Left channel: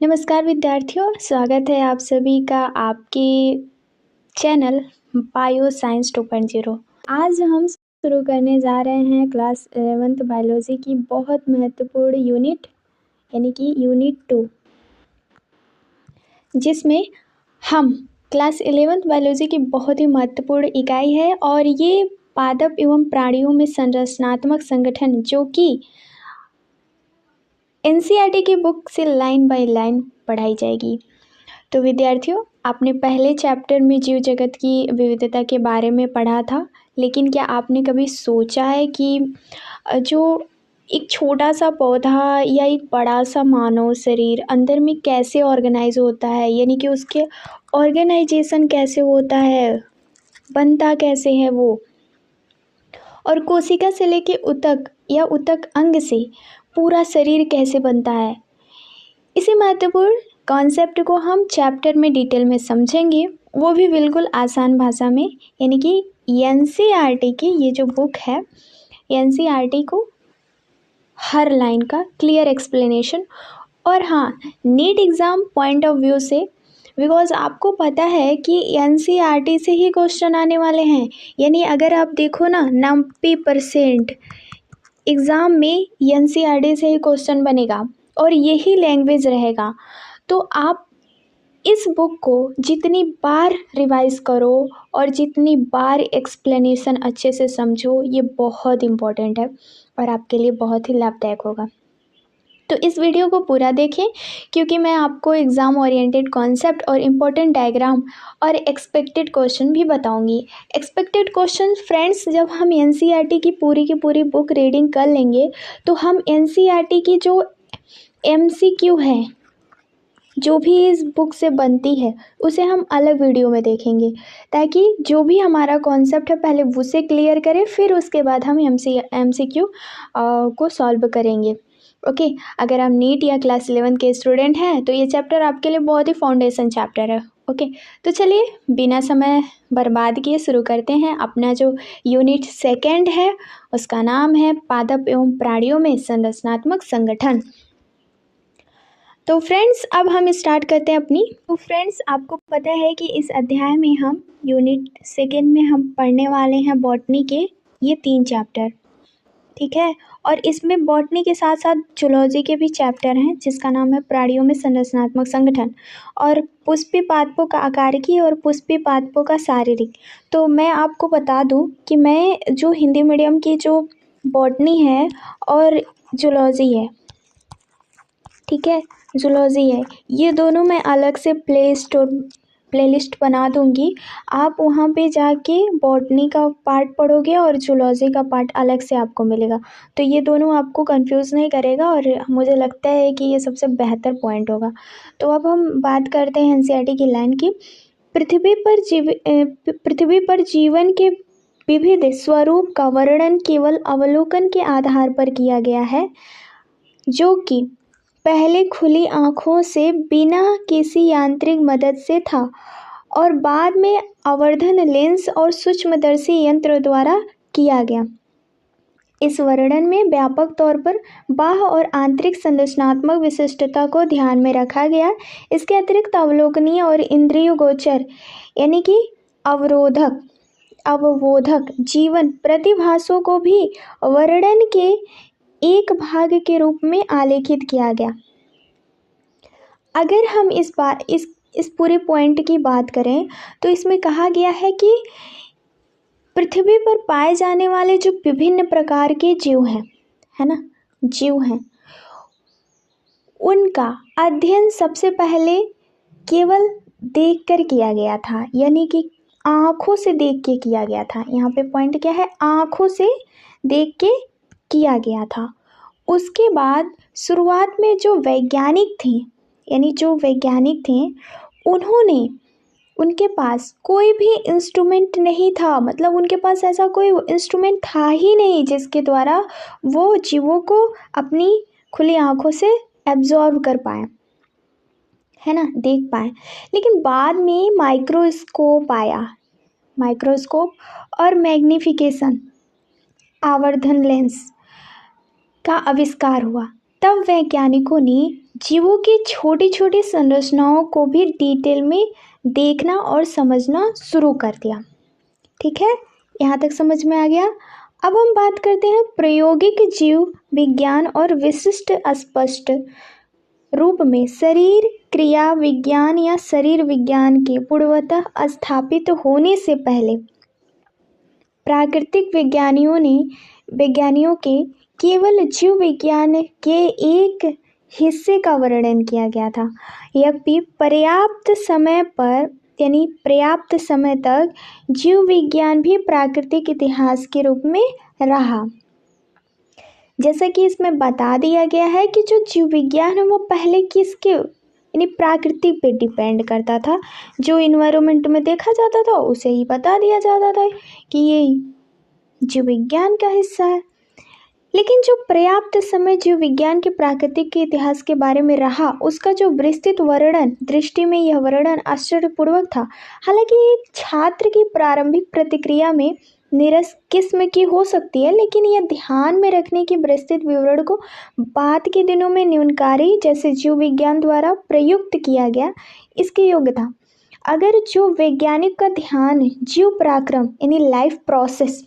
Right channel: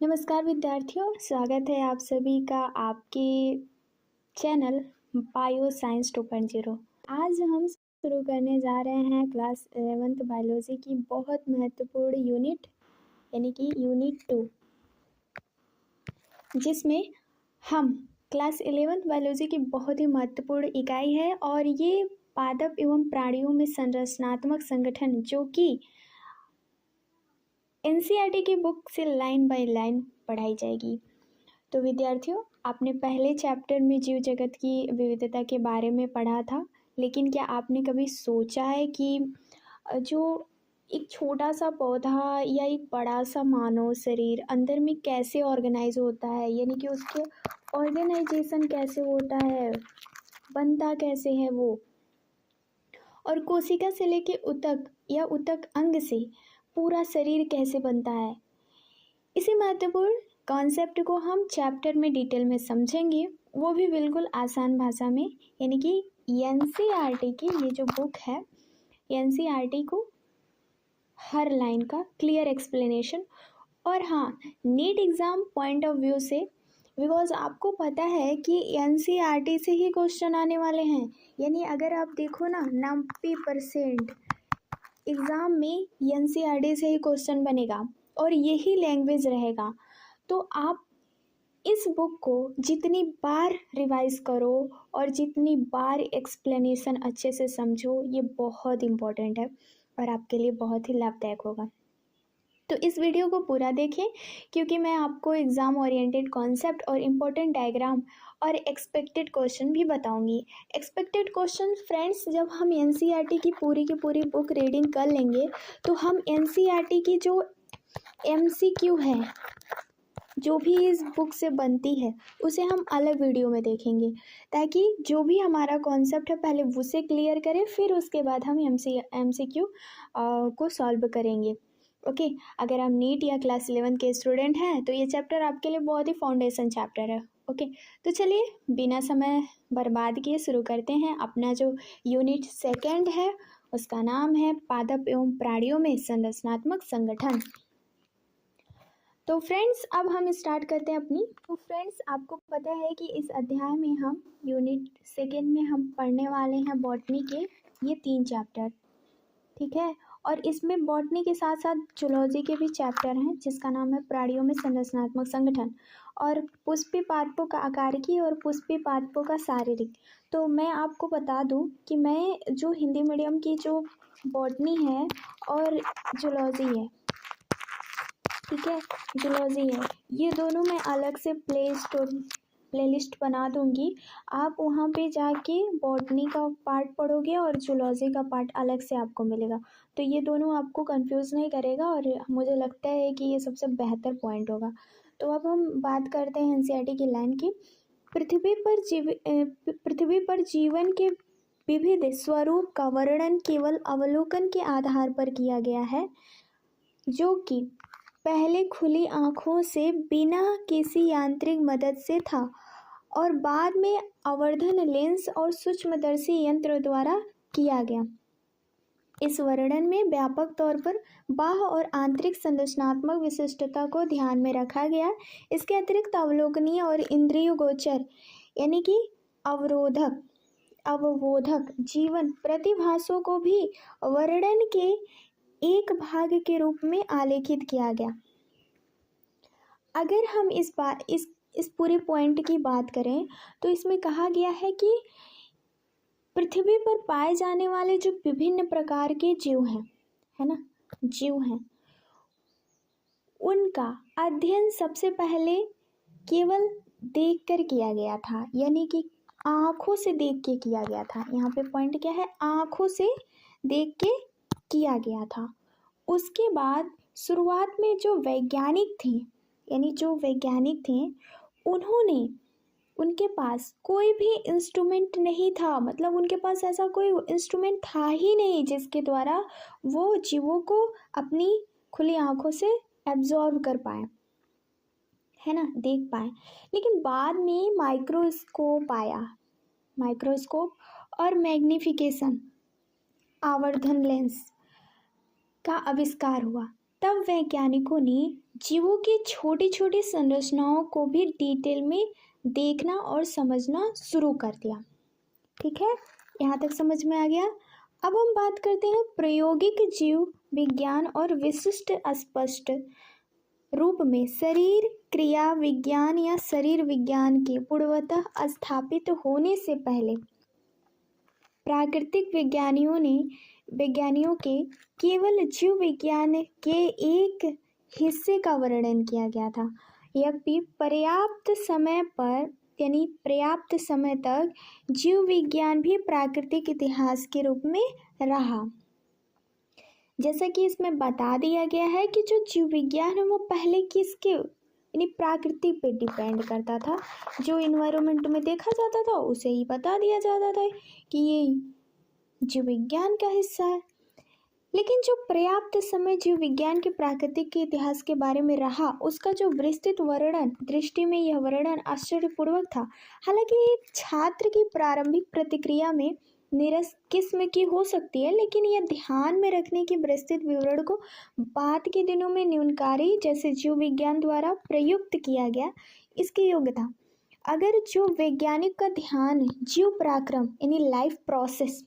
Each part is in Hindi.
नमस्कार विद्यार्थियों, स्वागत है आप सभी का आपके चैनल बायो साइंस 2.0। आज हम शुरू करने जा रहे हैं क्लास 11th बायोलॉजी की बहुत महत्वपूर्ण यूनिट यानी कि यूनिट 2, जिसमें हम क्लास 11th बायोलॉजी की बहुत ही महत्वपूर्ण इकाई है और ये पादप एवं प्राणियों में संरचनात्मक संगठन जो कि एनसीईआरटी की बुक से लाइन बाय लाइन पढ़ाई जाएगी। तो विद्यार्थियों, आपने पहले चैप्टर में जीव जगत की विविधता के बारे में पढ़ा था, लेकिन क्या आपने कभी सोचा है कि जो एक छोटा सा पौधा या एक बड़ा सा मानव शरीर अंदर में कैसे ऑर्गेनाइज होता है, यानी कि उसके ऑर्गेनाइजेशन कैसे होता है, बनता कैसे है वो, और कोशिका से लेके उतक या उतक अंग से पूरा शरीर कैसे बनता है। इसी महत्वपूर्ण कॉन्सेप्ट को हम चैप्टर में डिटेल में समझेंगे, वो भी बिल्कुल आसान भाषा में, यानी कि एनसीईआरटी की ये जो बुक है, एनसीईआरटी को हर लाइन का क्लियर एक्सप्लेनेशन। और हाँ, NEET exam point of view से, बिकॉज आपको पता है कि एनसीईआरटी से ही क्वेश्चन आने वाले हैं, यानी अगर आप देखो ना 90% एग्ज़ाम में एनसीईआरटी से ही क्वेश्चन बनेगा और यही लैंग्वेज रहेगा। तो आप इस बुक को जितनी बार रिवाइज करो और जितनी बार एक्सप्लेनेशन अच्छे से समझो, ये बहुत इम्पोर्टेंट है और आपके लिए बहुत ही लाभदायक होगा। तो इस वीडियो को पूरा देखें, क्योंकि मैं आपको एग्ज़ाम ओरिएंटेड कॉन्सेप्ट और इम्पोर्टेंट डायग्राम और एक्सपेक्टेड क्वेश्चन भी बताऊंगी। एक्सपेक्टेड क्वेश्चन फ्रेंड्स, जब हम एनसीईआरटी की पूरी बुक रीडिंग कर लेंगे तो हम एनसीईआरटी की जो एमसीक्यू है जो भी इस बुक से बनती है उसे हम अलग वीडियो में देखेंगे, ताकि जो भी हमारा कॉन्सेप्ट है पहले उसे क्लियर करें, फिर उसके बाद हम एमसीक्यू को सॉल्व करेंगे। ओके, अगर आप नीट या क्लास 11 के स्टूडेंट हैं तो ये चैप्टर आपके लिए बहुत ही फाउंडेशन चैप्टर है। ओके, तो चलिए बिना समय बर्बाद किए शुरू करते हैं। अपना जो यूनिट 2 है उसका नाम है पादप एवं प्राणियों में संरचनात्मक संगठन। तो फ्रेंड्स, अब हम स्टार्ट करते हैं अपनी। तो फ्रेंड्स, आपको पता है कि इस अध्याय में हम यूनिट 2 में हम पढ़ने वाले हैं बॉटनी के ये 3 चैप्टर, ठीक है। और इसमें बॉटनी के साथ साथ जूलॉजी के भी चैप्टर हैं, जिसका नाम है प्राणियों में संरचनात्मक संगठन और पुष्पी पादपों का आकारिकी और पुष्पी पादपों का शारीरिक। तो मैं आपको बता दूं कि मैं जो हिंदी मीडियम की जो बॉटनी है और जूलॉजी है, ठीक है, जूलॉजी है, ये दोनों मैं अलग से प्लेलिस्ट बना दूंगी। आप वहाँ पे जाके बॉटनी का पार्ट पढ़ोगे और जूलॉजी का पार्ट अलग से आपको मिलेगा, तो ये दोनों आपको कंफ्यूज नहीं करेगा और मुझे लगता है कि ये सबसे बेहतर पॉइंट होगा। तो अब हम बात करते हैं एनसीईआरटी की लाइन की। पृथ्वी पर जीवन के विविध स्वरूप का वर्णन केवल अवलोकन के आधार पर किया गया है, जो कि पहले खुली आँखों से बिना किसी यांत्रिक मदद से था और बाद में आवर्धन लेंस और सूक्ष्मदर्शी यंत्र द्वारा किया गया। इस वर्णन में व्यापक तौर पर बाह्य और आंतरिक संरचनात्मक विशिष्टता को ध्यान में रखा गया। इसके अतिरिक्त अवलोकनीय और इंद्रिय गोचर यानी कि अवबोधक जीवन प्रतिभासों को भी वर्णन के एक भाग के रूप में आलेखित किया गया। अगर हम इस पूरे पॉइंट की बात करें तो इसमें कहा गया है कि पृथ्वी पर पाए जाने वाले जो विभिन्न प्रकार के जीव हैं, है ना, जीव हैं, उनका अध्ययन सबसे पहले केवल देखकर किया गया था, यानी कि आँखों से देख के किया गया था। यहाँ पे पॉइंट क्या है, आँखों से देख के किया गया था। उसके बाद शुरुआत में जो वैज्ञानिक थे उन्होंने, उनके पास कोई भी इंस्ट्रूमेंट नहीं था, मतलब उनके पास ऐसा कोई इंस्ट्रूमेंट था ही नहीं जिसके द्वारा वो जीवों को अपनी खुली आँखों से एब्जॉर्व कर पाए, है ना, देख पाए। लेकिन बाद में माइक्रोस्कोप और मैग्नीफिकेशन आवर्धन लेंस का आविष्कार हुआ, तब वैज्ञानिकों ने जीवों की छोटी छोटी संरचनाओं को भी डिटेल में देखना और समझना शुरू कर दिया। ठीक है, यहाँ तक समझ में आ गया। अब हम बात करते हैं प्रायोगिक जीव विज्ञान और विशिष्ट अस्पष्ट रूप में शरीर क्रिया विज्ञान या शरीर विज्ञान के पूर्वतः स्थापित होने से पहले प्राकृतिक विज्ञानियों के केवल जीव विज्ञान के एक हिस्से का वर्णन किया गया था। यह भी पर्याप्त समय तक जीव विज्ञान भी प्राकृतिक इतिहास के रूप में रहा। जैसा कि इसमें बता दिया गया है कि जो जीव विज्ञान है वो पहले किसके यानी प्रकृति पे डिपेंड करता था। जो इन्वायरमेंट में देखा जाता था उसे ही बता दिया जाता था कि ये जीव विज्ञान का हिस्सा है। लेकिन जो पर्याप्त समय जीव विज्ञान के प्राकृतिक के इतिहास के बारे में रहा, उसका जो विस्तृत वर्णन दृष्टि में यह वर्णन आश्चर्यपूर्वक था। हालांकि एक छात्र की प्रारंभिक प्रतिक्रिया में निरस किस्म की हो सकती है, लेकिन यह ध्यान में रखने की विस्तृत विवरण को बाद के दिनों में न्यूनकारी जैसे जीव विज्ञान द्वारा प्रयुक्त किया गया इसके योग्य था। अगर जो वैज्ञानिक का ध्यान जीव पराक्रम यानी लाइफ प्रोसेस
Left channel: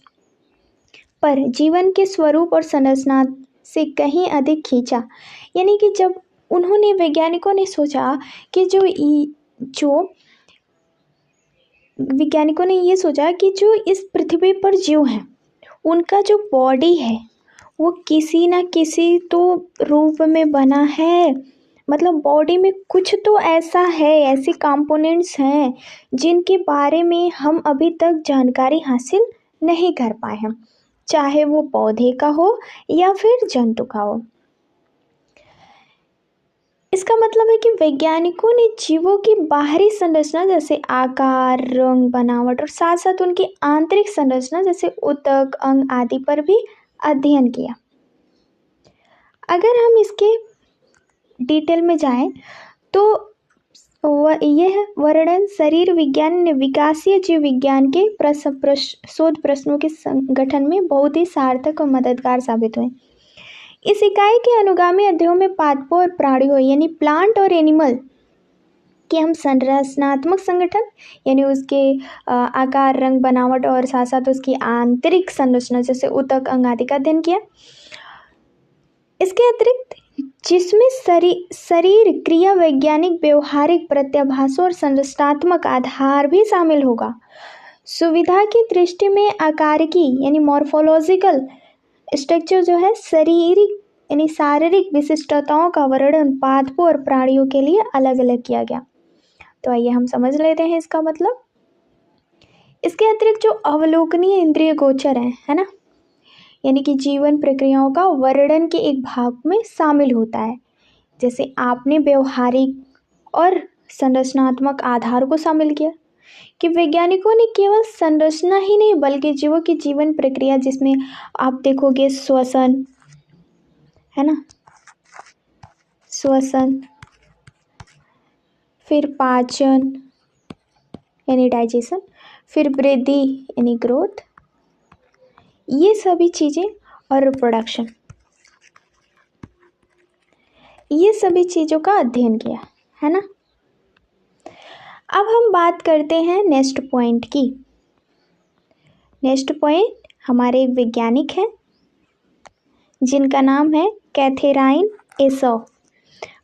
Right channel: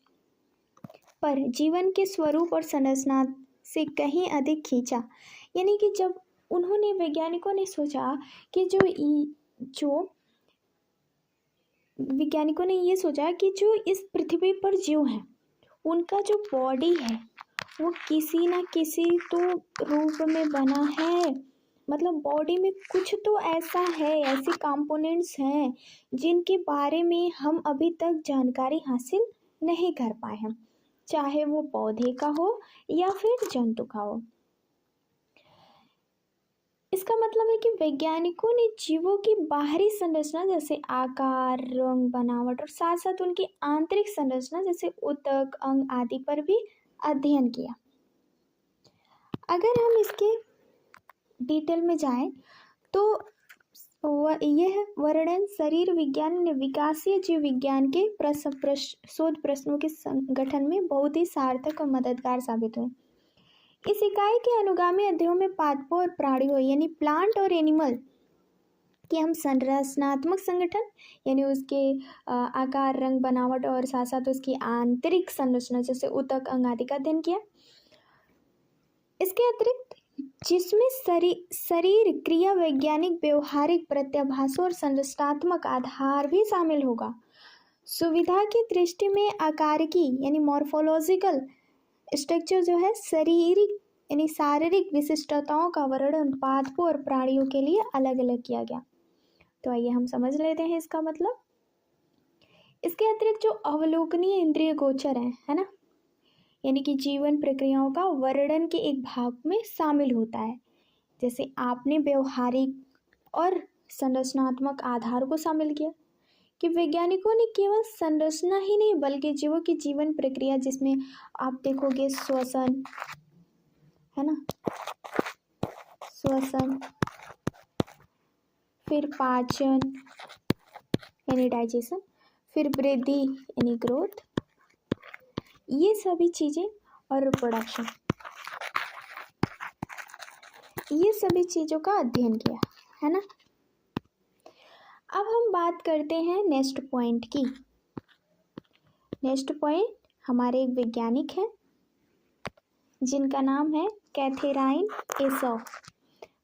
पर जीवन के स्वरूप और संरचना से कहीं अधिक खींचा, यानी कि जब उन्होंने वैज्ञानिकों ने सोचा कि जो इस पृथ्वी पर जीव हैं उनका जो बॉडी है वो किसी ना किसी तो रूप में बना है, मतलब बॉडी में कुछ तो ऐसा है, ऐसे कंपोनेंट्स हैं जिनके बारे में हम अभी तक जानकारी हासिल नहीं कर पाए हैं, चाहे वो पौधे का हो या फिर जंतु का हो। इसका मतलब है कि वैज्ञानिकों ने जीवों की बाहरी संरचना जैसे आकार रंग बनावट और साथ साथ उनकी आंतरिक संरचना जैसे ऊतक अंग आदि पर भी अध्ययन किया। अगर हम इसके डिटेल में जाएं तो यह वर्णन शरीर विज्ञान विकासीय जीव विज्ञान के शोध प्रश्नों के संगठन में बहुत ही सार्थक और मददगार साबित हुए। इस इकाई के अनुगामी अध्ययनों में पादपों और प्राणियों यानी प्लांट और एनिमल के हम संरचनात्मक संगठन यानी उसके आकार रंग बनावट और साथ साथ उसकी आंतरिक संरचना जैसे ऊतक अंग आदि का अध्ययन किया। इसके अतिरिक्त जिसमें शरीर क्रिया वैज्ञानिक व्यवहारिक प्रत्याभासों और संरचनात्मक आधार भी शामिल होगा। सुविधा की दृष्टि में आकारिकी यानी मॉर्फोलॉजिकल स्ट्रक्चर जो है शारीरिक विशिष्टताओं का वर्णन पादपों और प्राणियों के लिए अलग अलग किया गया। तो आइए हम समझ लेते हैं इसका मतलब। इसके अतिरिक्त जो अवलोकनीय इंद्रिय गोचर है ना, यानी कि जीवन प्रक्रियाओं का वर्णन के एक भाग में शामिल होता है। जैसे आपने व्यवहारिक और संरचनात्मक आधार को शामिल किया कि वैज्ञानिकों ने केवल संरचना ही नहीं बल्कि जीवों की जीवन प्रक्रिया जिसमें आप देखोगे श्वसन है ना, श्वसन, फिर पाचन यानी डाइजेशन, फिर वृद्धि यानी ग्रोथ, ये सभी चीज़ें और रिप्रोडक्शन, ये सभी चीज़ों का अध्ययन किया है ना। अब हम बात करते हैं नेक्स्ट पॉइंट की। नेक्स्ट पॉइंट हमारे एक वैज्ञानिक हैं जिनका नाम है कैथेराइन एसॉ।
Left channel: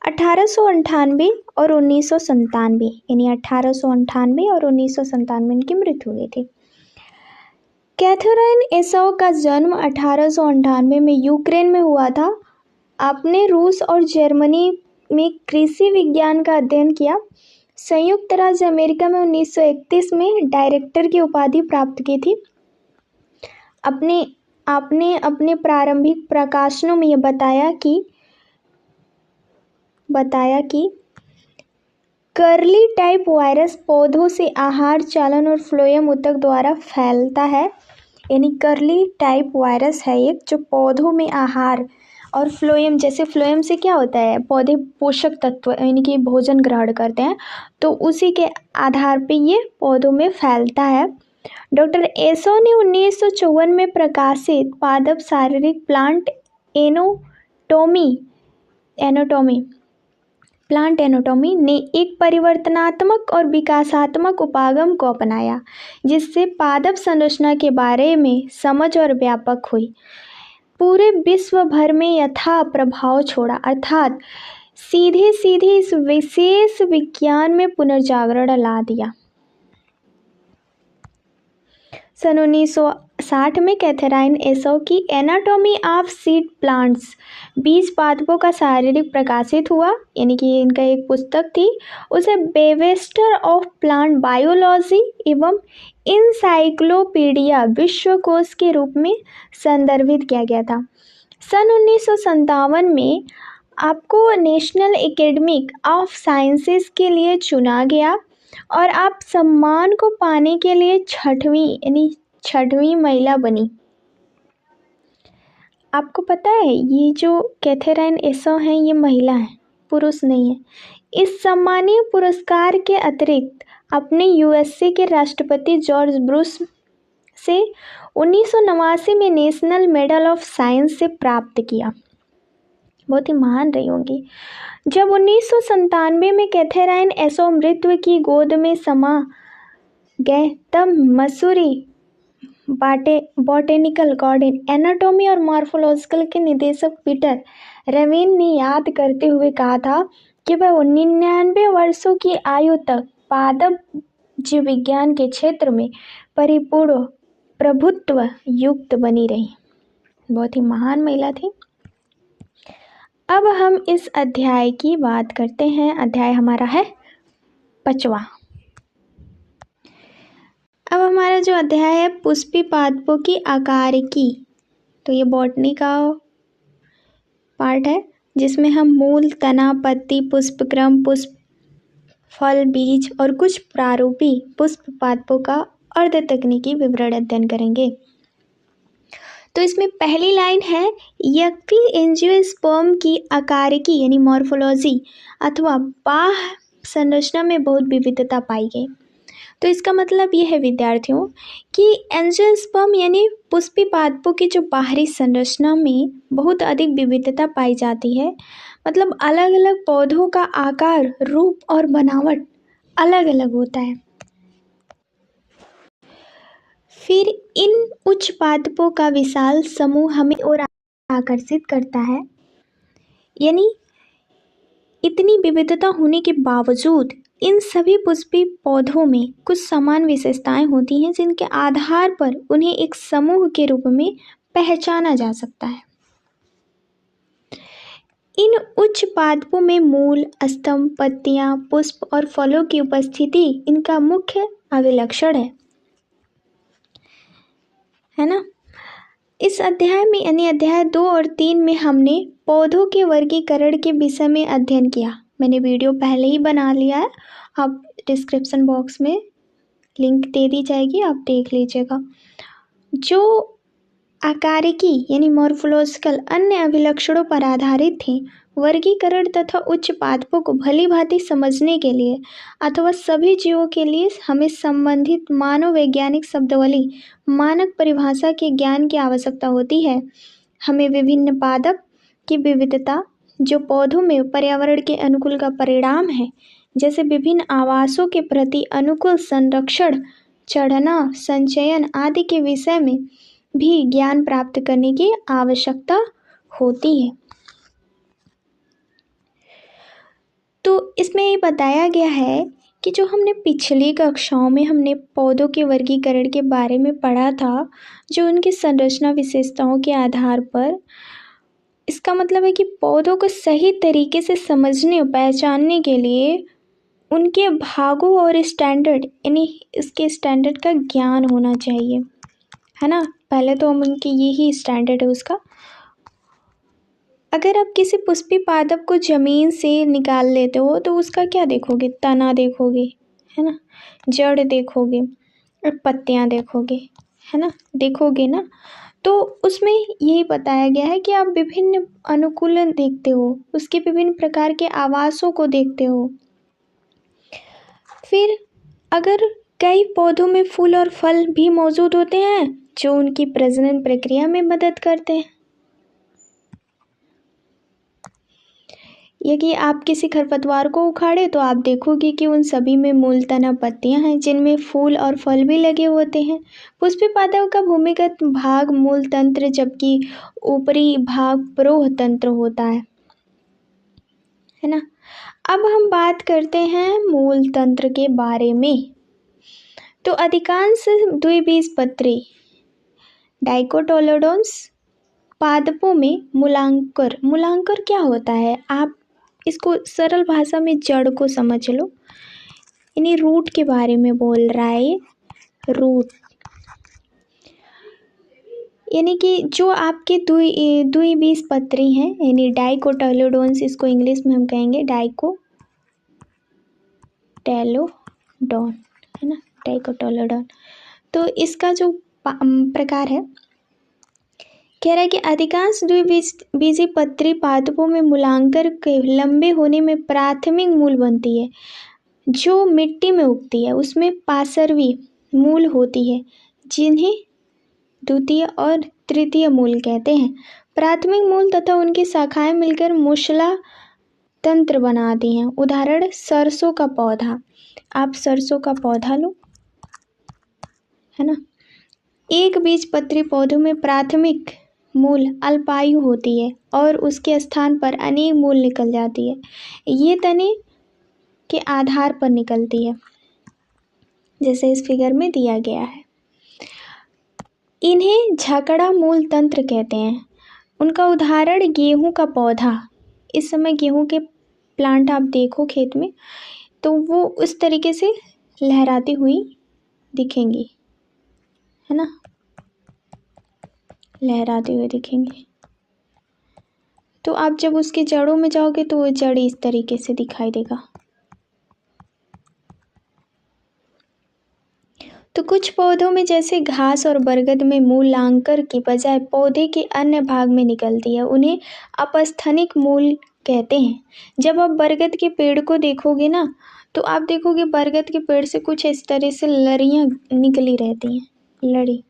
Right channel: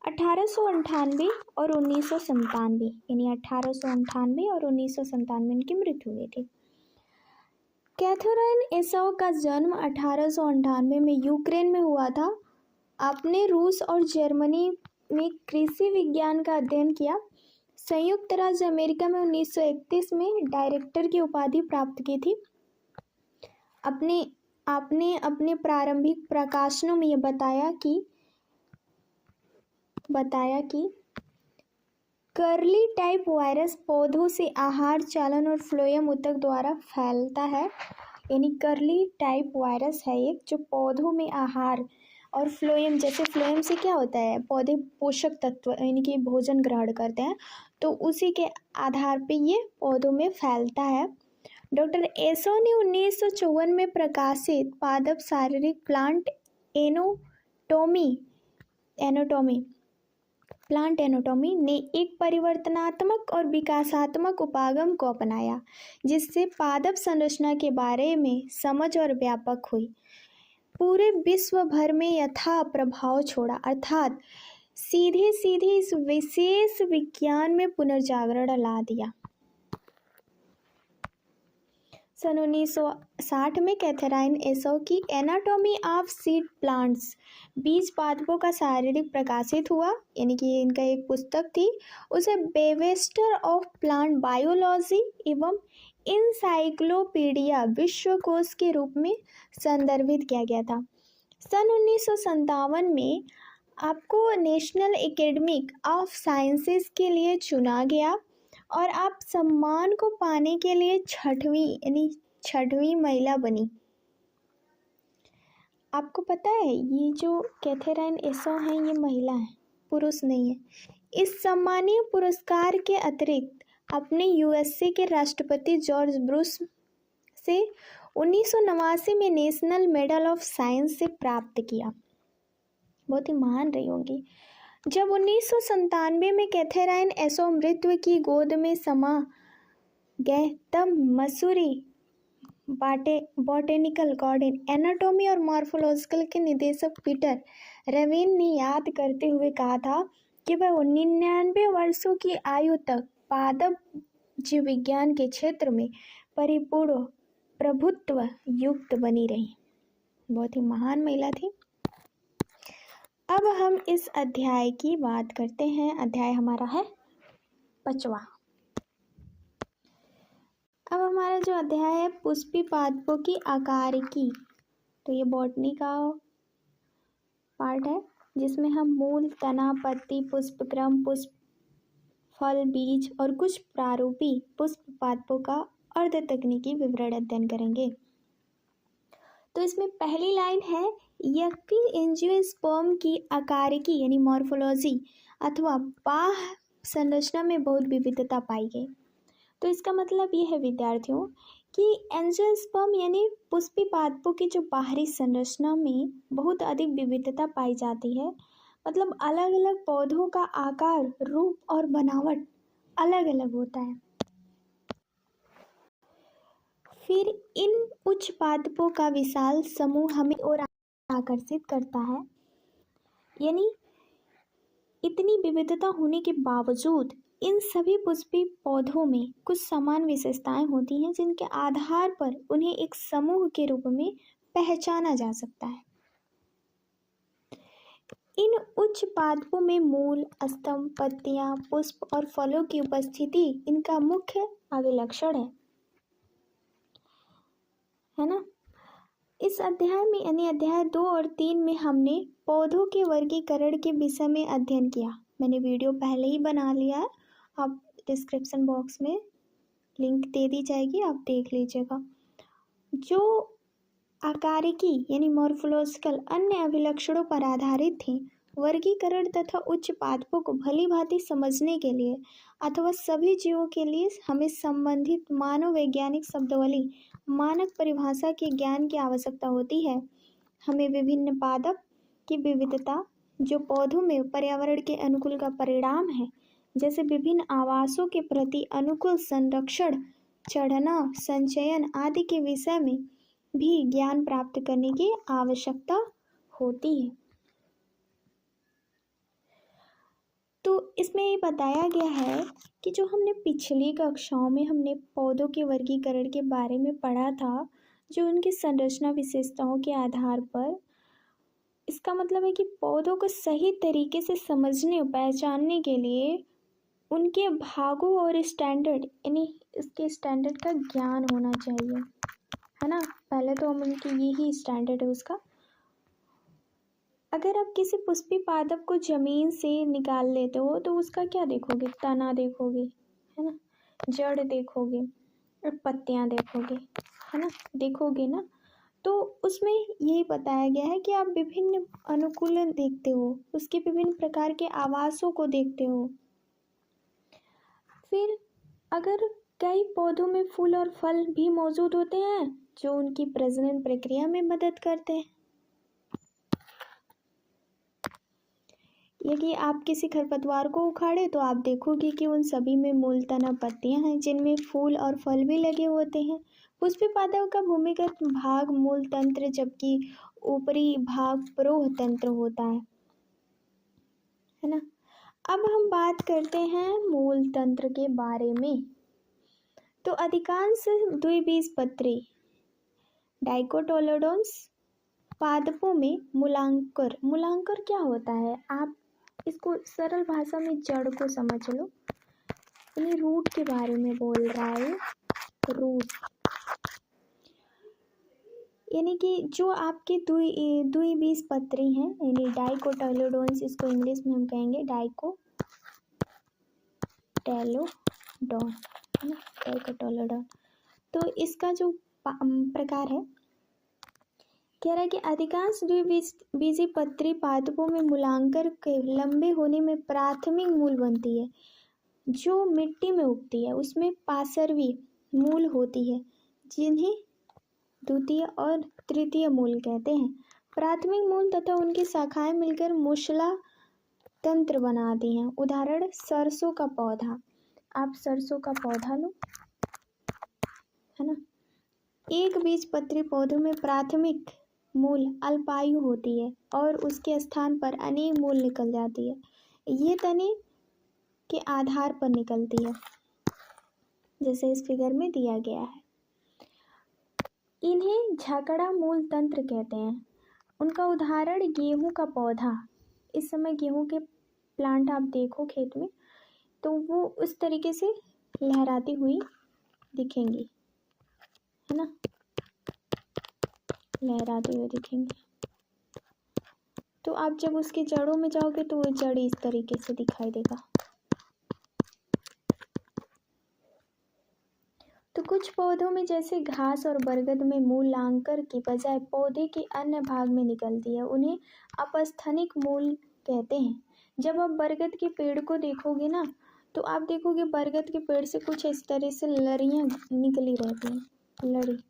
1898 और 1997 यानी 1898 और 1997 इनकी मृत्यु हुई थी। कैथेराइन एसॉ का जन्म 1898 में यूक्रेन में हुआ था। आपने रूस और जर्मनी में कृषि विज्ञान का अध्ययन किया। संयुक्त राज्य अमेरिका में 1931 में डायरेक्टर की उपाधि प्राप्त की थी। आपने अपने प्रारंभिक प्रकाशनों में यह बताया कि कर्ली टाइप वायरस पौधों से आहार चालन और फ्लोएम ऊतक द्वारा फैलता है। यानी कर्ली टाइप वायरस है एक जो पौधों में आहार और फ्लोएम, जैसे फ्लोएम से क्या होता है, पौधे पोषक तत्व यानी कि भोजन ग्रहण करते हैं, तो उसी के आधार पे ये पौधों में फैलता है। डॉक्टर एसो ने 1954 में प्रकाशित पादप शारीरिक plant anatomy anatomy plant anatomy ने एक परिवर्तनात्मक और विकासात्मक उपागम को अपनाया, जिससे पादप संरचना के बारे में समझ और व्यापक हुई, पूरे विश्व भर में यथा प्रभाव छोड़ा, अर्थात सीधे सीधे इस विशेष विज्ञान में पुनर्जागरण ला दिया। सन 1960 में कैथरीन एसौ की एनाटॉमी ऑफ सीड प्लांट्स बीज पादपों का शारीरिक प्रकाशित हुआ, यानी कि इनका एक पुस्तक थी, उसे बेवेस्टर ऑफ प्लांट बायोलॉजी एवं इंसाइक्लोपीडिया विश्वकोश के रूप में संदर्भित किया गया था। सन 1957 में आपको नेशनल एकेडमी ऑफ साइंसेस के लिए चुना गया और आप सम्मान को पाने के लिए छठवीं महिला बनी। आपको पता है ये जो कैथरीन एसौ हैं ये महिला है, पुरुष नहीं है। इस सम्मानीय पुरस्कार के अतिरिक्त अपने यूएसए के राष्ट्रपति जॉर्ज बुश से 1989 में नेशनल मेडल ऑफ साइंस से प्राप्त किया। बहुत ही महान रही होंगी। जब 1997 में कैथरीन एसौ मृत्यु की गोद में समा गए, तब मसूरी बॉटेनिकल गार्डन एनाटॉमी और मॉर्फोलॉजिकल के निदेशक पीटर रेविन ने याद करते हुए कहा था कि वह 99 वर्षों की आयु तक पादप जीव विज्ञान के क्षेत्र में परिपूर्ण प्रभुत्व युक्त बनी रही। बहुत ही महान महिला थी। अब हम इस अध्याय की बात करते हैं। अध्याय हमारा है 5वां। अब हमारा जो अध्याय है पुष्पी पादपों की आकारिकी, तो ये बॉटनी का पार्ट है जिसमें हम मूल, तना, पत्ती, पुष्पक्रम, पुष्प, फल, बीज और कुछ प्रारूपी पुष्प पादपों का अर्ध तकनीकी विवरण अध्ययन करेंगे। तो इसमें पहली लाइन है यज्ञ एंजियोस्पर्म की आकारिकी यानी मॉर्फोलॉजी अथवा बाह्य संरचना में बहुत विविधता पाई गई। तो इसका मतलब ये है विद्यार्थियों कि एंजियोस्पर्म यानी पुष्पी पादपों की जो बाहरी संरचना में बहुत अधिक विविधता पाई जाती है, मतलब अलग अलग पौधों का आकार, रूप और बनावट अलग अलग होता है। फिर इन उच्च पादपों का विशाल समूह हमें और आकर्षित करता है, यानी इतनी विविधता होने के बावजूद इन सभी पुष्पी पौधों में कुछ समान विशेषताएं होती हैं जिनके आधार पर उन्हें एक समूह के रूप में पहचाना जा सकता है। इन उच्च पादपों में मूल, स्तंभ, पत्तियां, पुष्प और फलों की उपस्थिति इनका मुख्य अभिलक्षण है ना। इस अध्याय में यानी अध्याय 2 और 3 में हमने पौधों के वर्गीकरण के विषय में अध्ययन किया। मैंने वीडियो पहले ही बना लिया है, आप डिस्क्रिप्शन बॉक्स में लिंक दे दी जाएगी, आप देख लीजिएगा। जो आकारिकी यानी मॉर्फोलॉजिकल अन्य अभिलक्षणों पर आधारित थे, वर्गीकरण तथा उच्च पादपों को भली भांति समझने के लिए अथवा सभी जीवों के लिए हमें संबंधित मानव वैज्ञानिक शब्दावली, मानक परिभाषा के ज्ञान की आवश्यकता होती है। हमें विभिन्न पादप की विविधता जो पौधों में पर्यावरण के अनुकूल का परिणाम है, जैसे विभिन्न आवासों के प्रति अनुकूल संरक्षण, चढ़ना, संचयन आदि के विषय में भी ज्ञान प्राप्त करने की आवश्यकता होती है। तो इसमें ये बताया गया है कि जो हमने पिछली कक्षाओं में हमने पौधों के वर्गीकरण के बारे में पढ़ा था, जो उनकी संरचना विशेषताओं के आधार पर, इसका मतलब है कि पौधों को सही तरीके से समझने और पहचानने के लिए उनके भागों और स्टैंडर्ड यानी इसके स्टैंडर्ड का ज्ञान होना चाहिए, है ना। पहले तो हम उनके यही स्टैंडर्ड है उसका। अगर आप किसी पुष्पी पादप को ज़मीन से निकाल लेते हो तो उसका क्या देखोगे? तना देखोगे, है ना, जड़ देखोगे और पत्तियां देखोगे, है ना, देखोगे ना। तो उसमें यही बताया गया है कि आप विभिन्न अनुकूलन देखते हो, उसके विभिन्न प्रकार के आवासों को देखते हो। फिर अगर कई पौधों में फूल और फल भी मौजूद होते हैं जो उनकी प्रजनन प्रक्रिया में मदद करते हैं। यदि आप किसी खरपतवार को उखाड़े तो आप देखोगे कि उन सभी में मूल तना पत्तियां हैं जिनमें फूल और फल भी लगे होते हैं। पुष्पीय पादप का भूमिगत भाग मूल तंत्र जबकि ऊपरी भाग प्रोह तंत्र होता है ना। अब हम बात करते हैं मूल तंत्र के बारे में। तो अधिकांश द्विबीजपत्री डाइकोटिलेडोन्स पादपों में मूलांकर क्या होता है, आप इसको सरल भाषा में जड़ को समझ लो, यानी रूट के बारे में बोल रहा है ये। रूट यानी कि जो आपके द्विबीजपत्री हैं, यानी डाइकोटिलेडोन्स, इसको इंग्लिश में हम कहेंगे डाइकोटिलेडोन, है ना, डाइकोटिलेडोन। तो इसका जो प्रकार है, कह रहा है कि अधिकांश द्विबीजपत्री पादपों में मूलांकर के लंबे होने में प्राथमिक मूल बनती है जो मिट्टी में उगती है, उसमें पार्श्वी मूल होती है जिन्हें द्वितीय और तृतीय मूल कहते हैं। प्राथमिक मूल तथा उनकी शाखाएं मिलकर मूसला तंत्र बनाती हैं। उदाहरण सरसों का पौधा, आप सरसों का पौधा लो, है ना। एक बीजपत्री पौधों में प्राथमिक मूल अल्पायु होती है और उसके स्थान पर अनेक मूल निकल जाती है। ये तने के आधार पर निकलती है, जैसे इस फिगर में दिया गया है। इन्हें झकड़ा मूल तंत्र कहते हैं। उनका उदाहरण गेहूं का पौधा, इस समय गेहूं के प्लांट आप देखो खेत में तो वो उस तरीके से लहराती हुई दिखेंगी, है ना, लहराते हुए दिखेंगे। तो आप जब उसकी जड़ों में जाओगे तो वो जड़ इस तरीके से दिखाई देगा। तो कुछ पौधों में जैसे घास और बरगद में मूलांकर की बजाय पौधे के अन्य भाग में निकलती है, उन्हें अपस्थनिक मूल कहते हैं। जब आप बरगद के पेड़ को देखोगे ना तो आप देखोगे बरगद के पेड़ से कुछ इस तरह से लड़ियाँ निकली रहती हैं, लड़ी,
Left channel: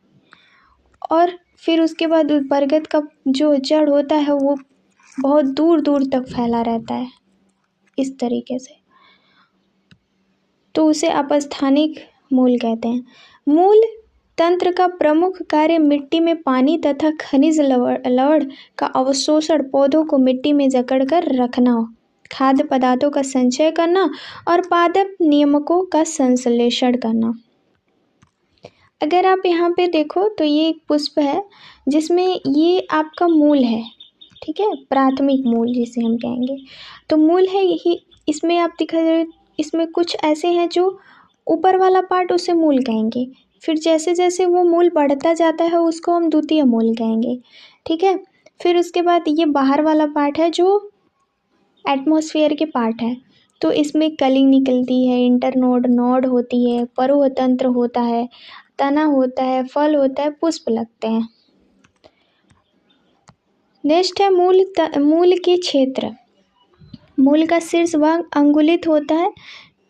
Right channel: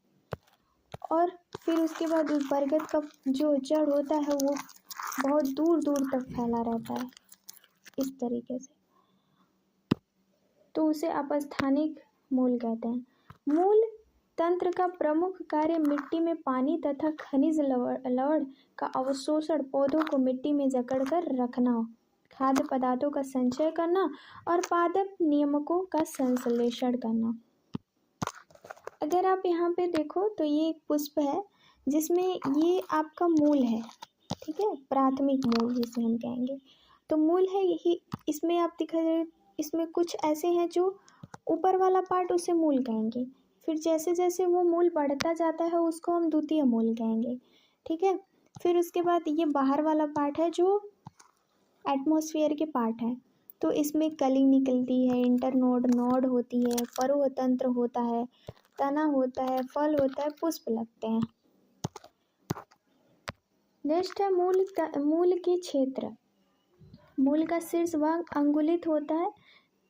और फिर उसके बाद उस बरगद का जो जड़ होता है वो बहुत दूर दूर तक फैला रहता है इस तरीके से, तो उसे अपस्थानिक मूल कहते हैं। मूल तंत्र का प्रमुख कार्य मिट्टी में पानी तथा खनिज लवण का अवशोषण, पौधों को मिट्टी में जकड़कर रखना, खाद्य पदार्थों का संचय करना और पादप नियामकों का संश्लेषण करना। अगर आप यहाँ पे देखो तो ये एक पुष्प है जिसमें ये आपका मूल है, ठीक है, प्राथमिक मूल जिसे हम कहेंगे। तो मूल है यही, इसमें आप दिखा रहे, इसमें कुछ ऐसे हैं जो ऊपर वाला पार्ट उसे मूल कहेंगे, फिर जैसे जैसे वो मूल बढ़ता जाता है उसको हम द्वितीय मूल कहेंगे, ठीक है। फिर उसके बाद ये बाहर वाला पार्ट है जो एटमॉस्फेयर के पार्ट है, तो इसमें कली निकलती है, इंटरनोड, नोड होती है, फरोह तंत्र होता है, तना होता है, फल होता है, पुष्प लगते हैं। नेक्स्ट है मूल के क्षेत्र। मूल का शीर्ष भाग अंगुलित होता है,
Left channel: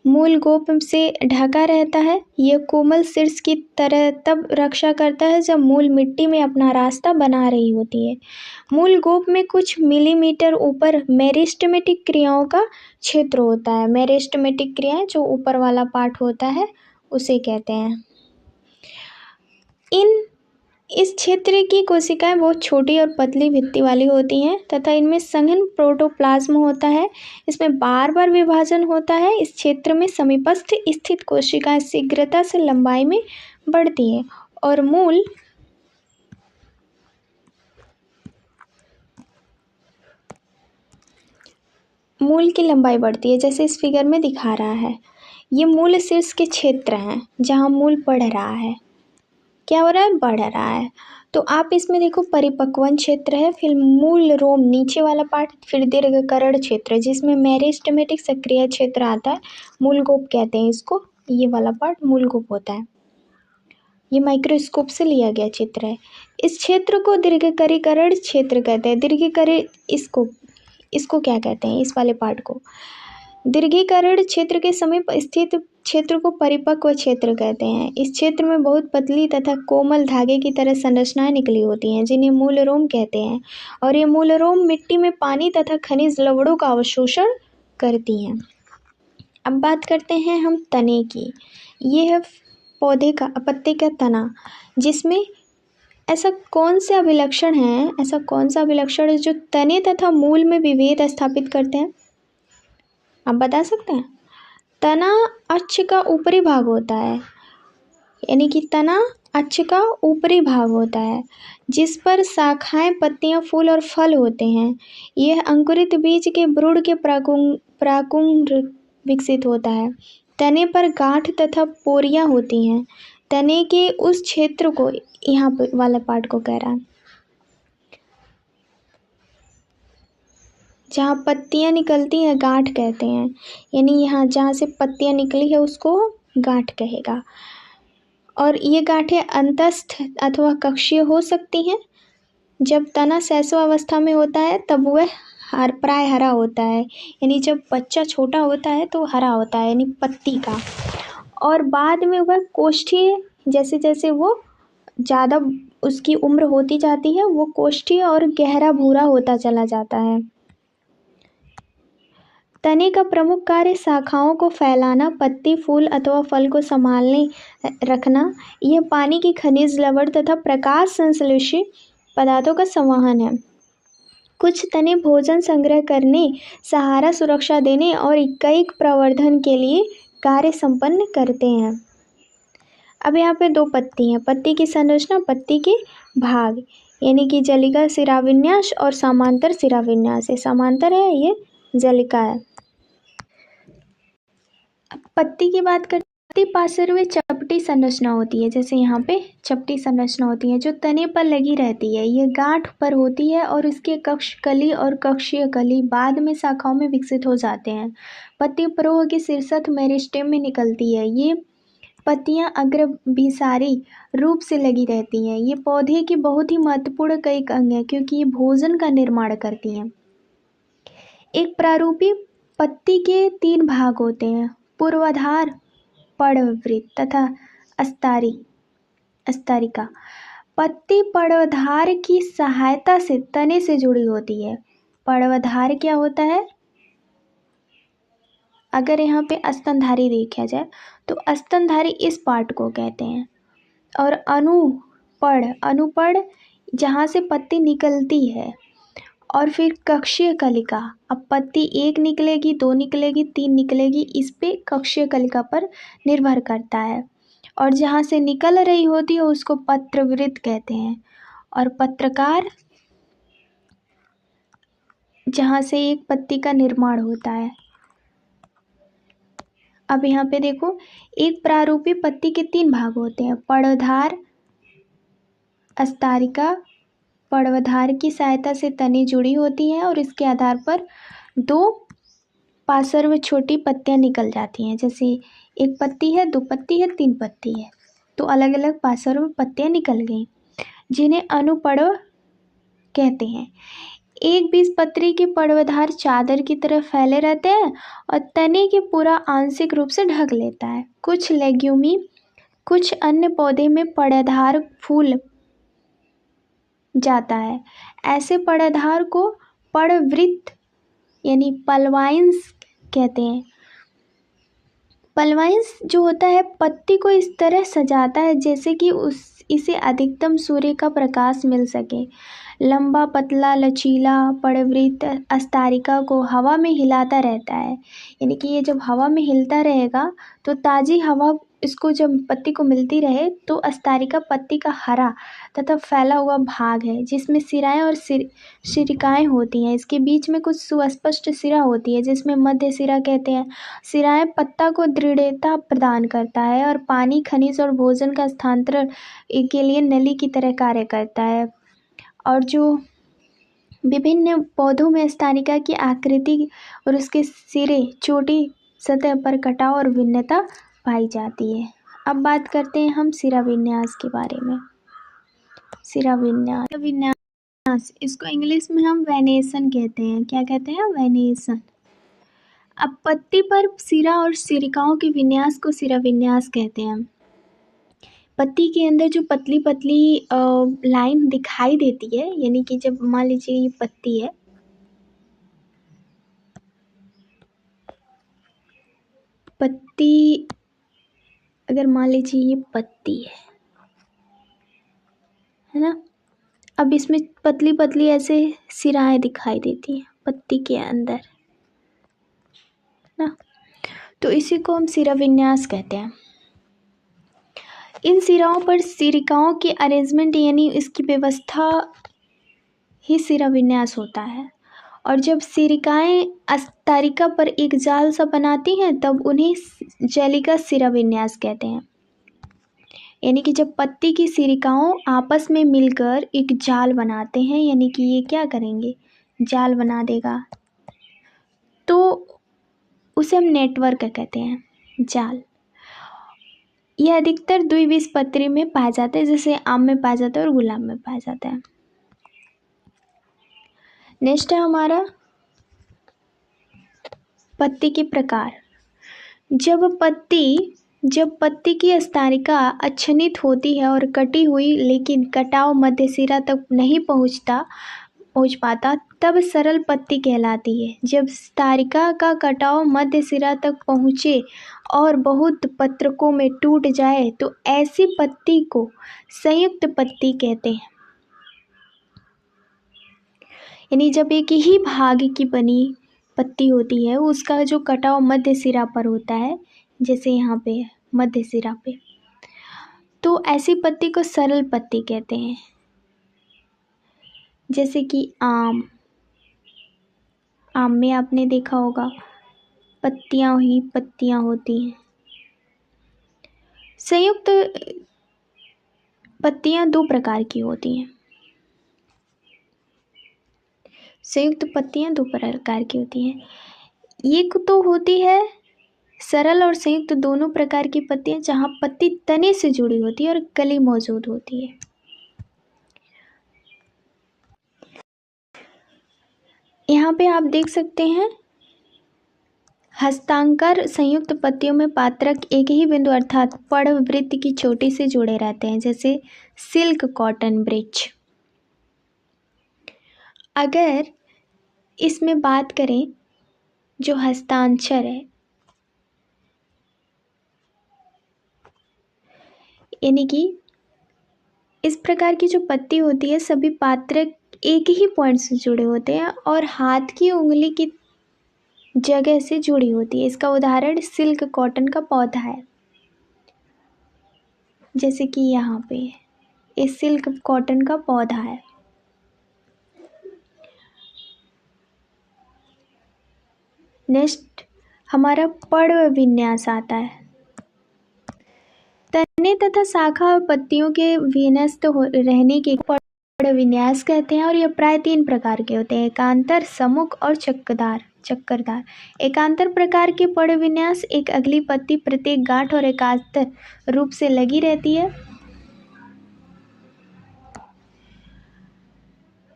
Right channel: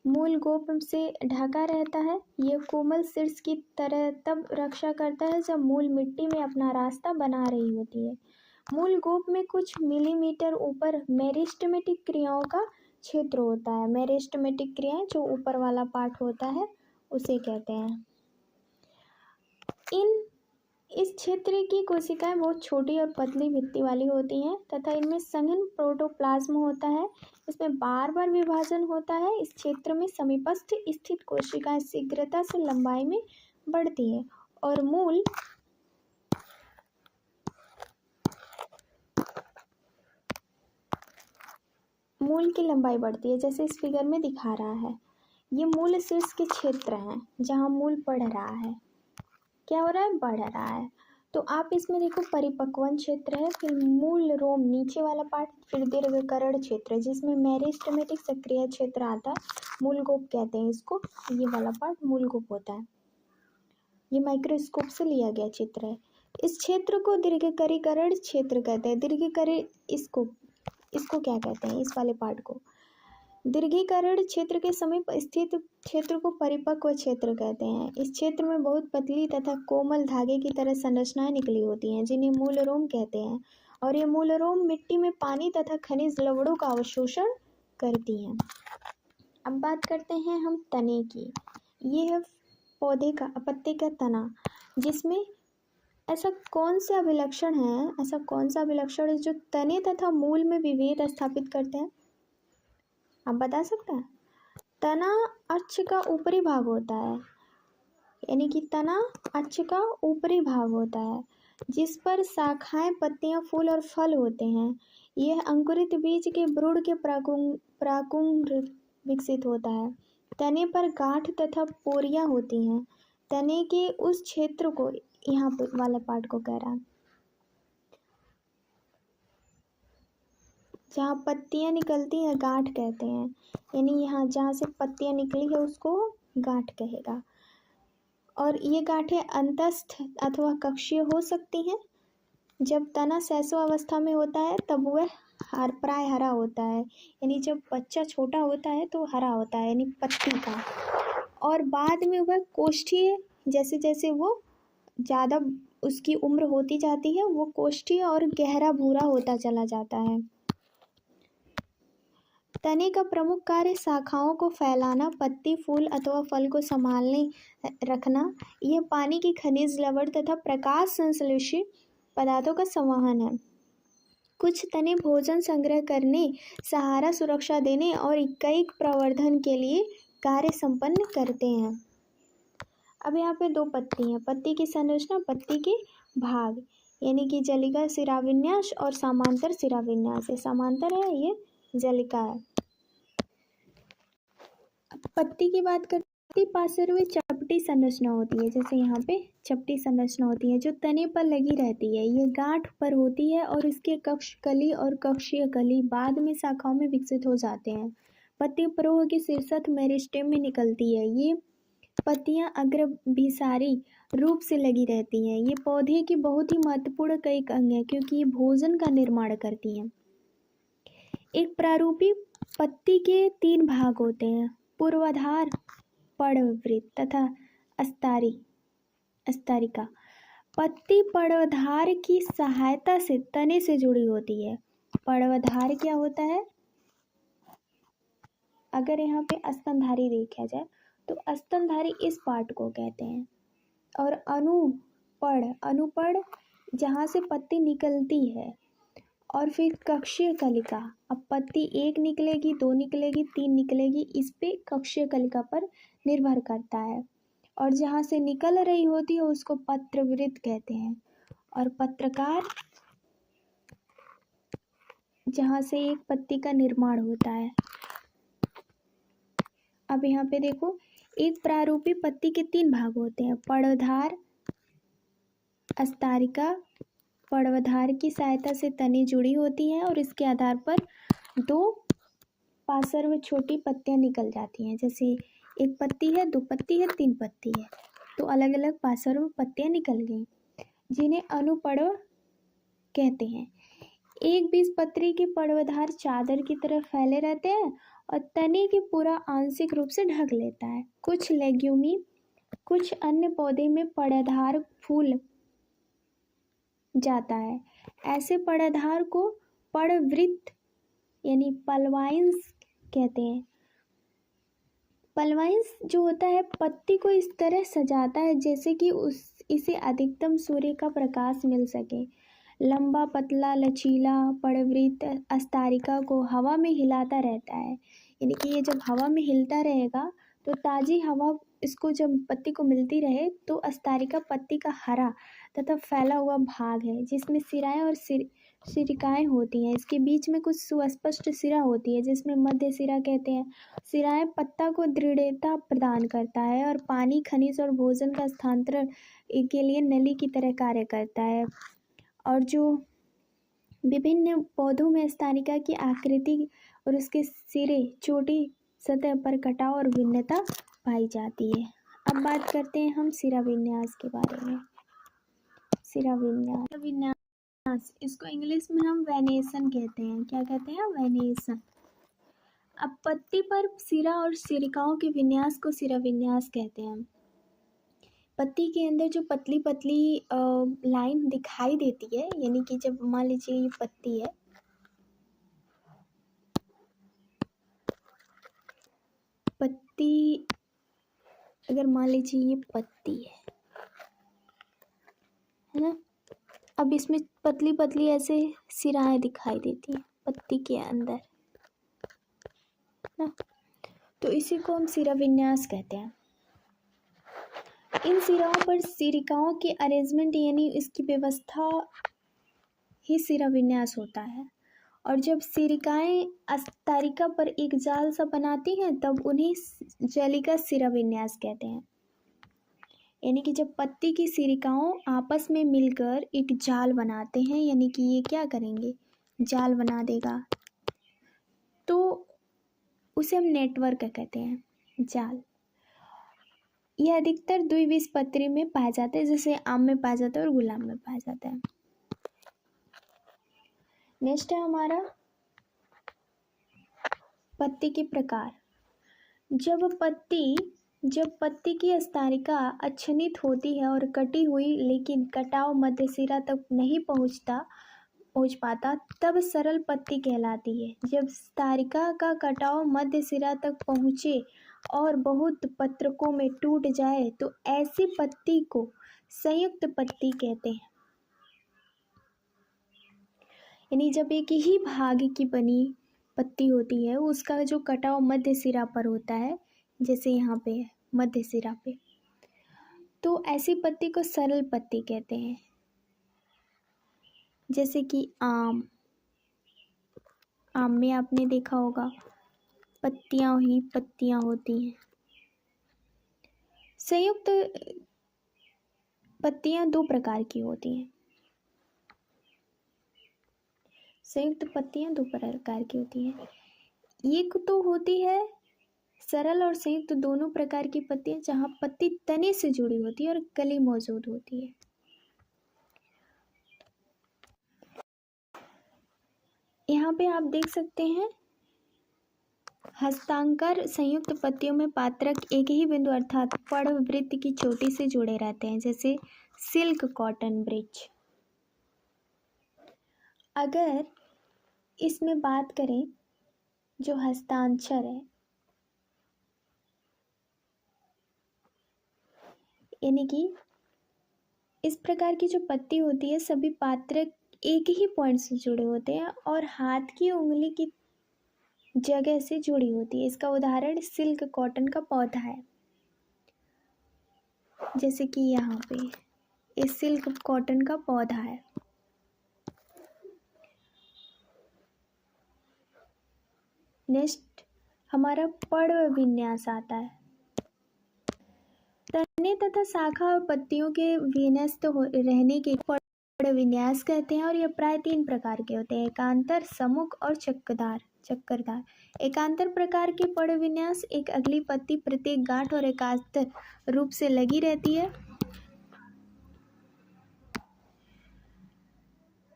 मूल गोप से ढका रहता है। यह कोमल शीर्ष की तरह तब रक्षा करता है जब मूल मिट्टी में अपना रास्ता बना रही होती है। मूल गोप में कुछ मिलीमीटर ऊपर मेरिस्टेमेटिक क्रियाओं का क्षेत्र होता है। मेरिस्टेमेटिक क्रियाएं जो ऊपर वाला पार्ट होता है उसे कहते हैं। इस क्षेत्र की कोशिकाएं बहुत छोटी और पतली भित्ति वाली होती हैं तथा इनमें सघन प्रोटोप्लाज्म होता है। इसमें बार बार विभाजन होता है। इस क्षेत्र में समीपस्थ स्थित कोशिकाएं शीघ्रता से लंबाई में बढ़ती हैं और मूल की लंबाई बढ़ती है, जैसे इस फिगर में दिखा रहा है। ये मूल शीर्ष के क्षेत्र हैं जहाँ मूल बढ़ रहा है। क्या हो रहा है? बढ़ रहा है। तो आप इसमें देखो परिपक्वन क्षेत्र है, फिर मूल रोम नीचे वाला पार्ट, फिर दीर्घकरण क्षेत्र जिसमें मेरिस्टेमेटिक सक्रिय क्षेत्र आता है, मूल गोप कहते हैं इसको। ये वाला पार्ट मूल गोप होता है। ये माइक्रोस्कोप से लिया गया चित्र है। इस क्षेत्र को दीर्घकरीकरण क्षेत्र कहते हैं। दीर्घकरी इसको क्या कहते हैं? इस वाले पार्ट को दीर्घीकरण क्षेत्र के समीप स्थित क्षेत्र को परिपक्व क्षेत्र कहते हैं। इस क्षेत्र में बहुत पतली तथा कोमल धागे की तरह संरचनाएं निकली होती हैं, जिन्हें मूल रोम कहते हैं, और ये मूल रोम मिट्टी में पानी तथा खनिज लवणों का अवशोषण करती हैं। अब बात करते हैं हम तने की। ये है पौधे का, पत्ते का तना, जिसमें ऐसा कौन सा अभिलक्षण है जो तने तथा मूल में विभेद स्थापित करते हैं? आप बता सकते हैं? तना अक्ष का ऊपरी भाग होता है, यानी कि तना अक्ष का ऊपरी भाग होता है, जिस पर शाखाएं, पत्तियां, फूल और फल होते हैं। यह अंकुरित बीज के भ्रूण के प्राकुंभ विकसित होता है। तने पर गांठ तथा पोरियां होती हैं। तने के उस क्षेत्र को, यहाँ वाला पार्ट को कह रहा है, जहाँ पत्तियां निकलती हैं गांठ कहते हैं, यानी यहाँ जहाँ से पत्तियां निकली है उसको गांठ कहेगा। और ये गांठें अंतस्थ अथवा कक्षीय हो सकती हैं। जब तना शैशवावस्था में होता है तब वह प्राय हरा होता है, यानी जब बच्चा छोटा होता है तो हरा होता है, यानी पत्ती का। और बाद में वह कोष्ठीय, जैसे जैसे वो ज़्यादा उसकी उम्र होती जाती है, वो कोष्ठीय और गहरा भूरा होता चला जाता है। तने का प्रमुख कार्य शाखाओं को फैलाना, पत्ती, फूल अथवा फल को संभालने रखना। यह पानी की खनिज, लवण तथा प्रकाश संश्लेषी पदार्थों का संवहन है। कुछ तने भोजन संग्रह करने, सहारा, सुरक्षा देने और इकाई प्रवर्धन के लिए कार्य संपन्न करते हैं। अब यहाँ पे दो पत्ती हैं। पत्ती की संरचना, पत्ती के भाग, यानी कि जलिका शिराविन्यास और समांतर शिराविन्यास। ये समांतर है, ये जलिका है। अब पत्ती की बात करते, पत्ती पार्श्व चपटी संरचना होती है, जैसे यहाँ पे चपटी संरचना होती है जो तने पर लगी रहती है। ये गांठ पर होती है और इसके कक्ष कली और कक्षीय कली बाद में शाखाओं में विकसित हो जाते हैं। पत्ती प्रवाह की शीर्षस्थ मेरिस्टेम में निकलती है। ये पत्तियां अग्रभिसारी रूप से लगी रहती हैं। ये पौधे की बहुत ही महत्वपूर्ण कई अंग है, क्योंकि ये भोजन का निर्माण करती हैं। एक प्रारूपी पत्ती के 3 भाग होते हैं: पूर्वाधार, पर्णवृत्त तथा अस्तारिका। पत्ती पर्णवधार की सहायता से तने से जुड़ी होती है। पर्णवधार क्या होता है? अगर यहाँ पे स्तनधारी देखा जाए तो स्तनधारी इस पार्ट को कहते हैं। और अनुपड़ जहाँ से पत्ती निकलती है। और फिर कक्षीय कलिका। अब पत्ती 1 निकलेगी, 2 निकलेगी, 3 निकलेगी, इस पे कक्षीय कलिका पर निर्भर करता है। और जहाँ से निकल रही होती है उसको पत्रवृत्त कहते हैं। और पत्रकार जहाँ से एक पत्ती का निर्माण होता है। अब यहाँ पे देखो, एक प्रारूपी पत्ती के 3 भाग होते हैं: पर्णधार, अस्तारिका। पर्णवधार की सहायता से तने जुड़ी होती हैं और इसके आधार पर 2 पार्श्व में छोटी पत्तियां निकल जाती हैं। जैसे 1 पत्ती है, 2 पत्ती है, 3 पत्ती है, तो अलग अलग पार्श्व में पत्तियां निकल गई, जिन्हें अनुपर्णव कहते हैं। एक बीजपत्री के पर्णवधार चादर की तरह फैले रहते हैं और तने के पूरा आंशिक रूप से ढक लेता है। कुछ लेग्यूमी, कुछ अन्य पौधे में पर्णधार फूल जाता है। ऐसे पर्णधार को पर्णवृत्त यानी पल्वाइन्स कहते हैं। पल्वाइन्स जो होता है पत्ती को इस तरह सजाता है जैसे कि इसे अधिकतम सूर्य का प्रकाश मिल सके। लंबा, पतला, लचीला पर्णवृत्त अस्तारिका को हवा में हिलाता रहता है, यानी कि ये जब हवा में हिलता रहेगा तो ताज़ी हवा इसको जब पत्ती को मिलती रहे, तो अस्तारिका पत्ती का हरा तथा फैला हुआ भाग है, जिसमें सिराएं और सिरिकाएँ होती हैं। इसके बीच में कुछ सुस्पष्ट सिरा होती है, जिसमें मध्य सिरा कहते हैं। सिराएं पत्ता को दृढ़ता प्रदान करता है और पानी, खनिज और भोजन का स्थानांतरण के लिए नली की तरह कार्य करता है। और जो विभिन्न पौधों में अस्तारिका की आकृति और उसके सिरे, चोटी, सतह पर कटाव और भिन्नता पाई जाती है। अब बात करते हैं हम शिराविन्यास के बारे में। शिराविन्यास, इसको इंग्लिश में हम वेनेसन कहते हैं। क्या कहते हैं? वेनेसन। अब पत्ती पर सिरा और सिरिकाओं के विन्यास को सिरा विन्यास कहते हैं। पत्ती के अंदर जो पतली पतली लाइन दिखाई देती है, यानी कि जब मान लीजिए ये पत्ती है, पत्ती अगर मान लीजिए ये पत्ती है ना, अब इसमें पतली पतली ऐसे सिराएं दिखाई देती हैं पत्ती के अंदर ना, तो इसी को हम सिरा विन्यास कहते हैं। इन सिराओं पर सिरिकाओं की अरेंजमेंट यानी इसकी व्यवस्था ही सिरा विन्यास होता है। और जब सिरिकाएं अस्तारिका पर एक जाल सा बनाती हैं तब उन्हें जलिका सिरा विन्यास कहते हैं। यानी कि जब पत्ती की सिरिकाओं आपस में मिलकर एक जाल बनाते हैं, यानी कि ये क्या करेंगे, जाल बना देगा, तो उसे हम नेटवर्क कहते हैं, जाल। यह अधिकतर द्विबीजपत्री में पाया जाता है, जैसे आम में पाया जाता है और गुलाब में पाया जाता है। नेक्स्ट है हमारा पत्ती के प्रकार। जब पत्ती की अस्तारिका अच्छनित होती है और कटी हुई लेकिन कटाव मध्य सिरा तक नहीं पहुंच पाता, तब सरल पत्ती कहलाती है। जब स्तारिका का कटाव मध्य सिरा तक पहुँचे और बहुत पत्रकों में टूट जाए तो ऐसी पत्ती को संयुक्त पत्ती कहते हैं। यानी जब एक ही भाग की बनी पत्ती होती है, उसका जो कटाव मध्य सिरा पर होता है, जैसे यहाँ पे मध्य सिरा पे, तो ऐसी पत्ती को सरल पत्ती कहते हैं। जैसे कि आम में आपने देखा होगा पत्तियां ही पत्तियां होती हैं। संयुक्त पत्तियां दो प्रकार की होती हैं। संयुक्त पत्तियां दो प्रकार की होती हैं। एक तो होती है सरल और संयुक्त दोनों प्रकार की पत्तियां, जहां पत्ती तने से जुड़ी होती है और कली मौजूद होती है। यहाँ पे आप देख सकते हैं हस्तांकर संयुक्त पत्तियों में पात्रक एक ही बिंदु अर्थात पड़वृत्त की चोटी से जुड़े रहते हैं, जैसे सिल्क कॉटन ब्रिच। अगर इसमें बात करें जो हस्तांचर है, यानी कि इस प्रकार की जो पत्ती होती है सभी पात्रक एक ही पॉइंट से जुड़े होते हैं और हाथ की उंगली की जगह से जुड़ी होती है। इसका उदाहरण सिल्क कॉटन का पौधा है, जैसे कि यहाँ पे ये सिल्क कॉटन का पौधा है। नेक्स्ट हमारा पर्व विन्यास आता है। तने तथा शाखा और पत्तियों के विन्यस्त रहने के पर्व विन्यास कहते हैं और यह प्राय 3 प्रकार के होते हैं, एकांतर, सम्मुख और चक्करदार। एकांतर प्रकार के पर्व विन्यास एक अगली पत्ती प्रत्येक गांठ और एकांतर रूप से लगी रहती है।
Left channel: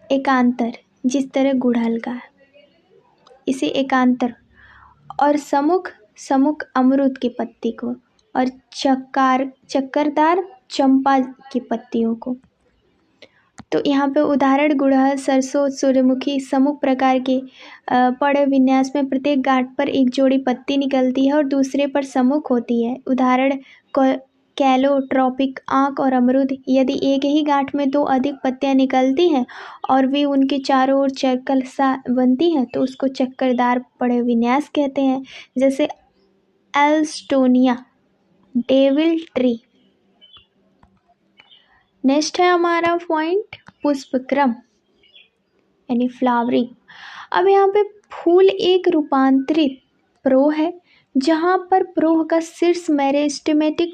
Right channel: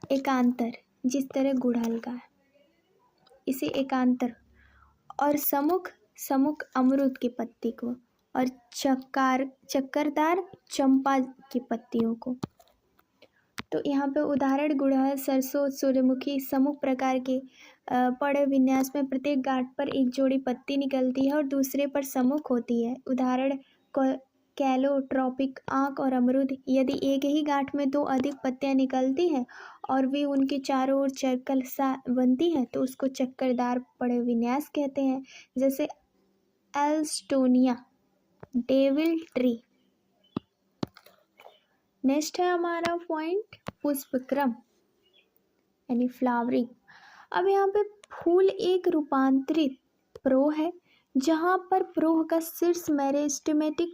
एकांतर जिस तरह गुड़हल का है, इसे एकांतर, और सम्मुख अमरूद की पत्ती को, और चक्करदार चंपा की पत्तियों को। तो यहाँ पे उदाहरण गुड़हल, सरसों, सूर्यमुखी। सम्मुख प्रकार के पर्व विन्यास में प्रत्येक गांठ पर एक जोड़ी पत्ती निकलती है और दूसरे पर सम्मुख होती है। उदाहरण कैलो, ट्रॉपिक, आंख और अमरूद। यदि एक ही गांठ में 2 अधिक पत्तियां निकलती हैं और वे उनके चारों ओर सर्कल सा बनती हैं तो उसको चक्करदार पर्व विन्यास कहते हैं, जैसे एल्स्टोनिया, डेविल ट्री। नेक्स्ट है हमारा पॉइंट पुष्पक्रम यानी फ्लावरिंग। अब यहाँ पे फूल एक रूपांतरित प्रोह है, जहाँ पर प्रोह का शीर्ष मेरिस्टेमेटिक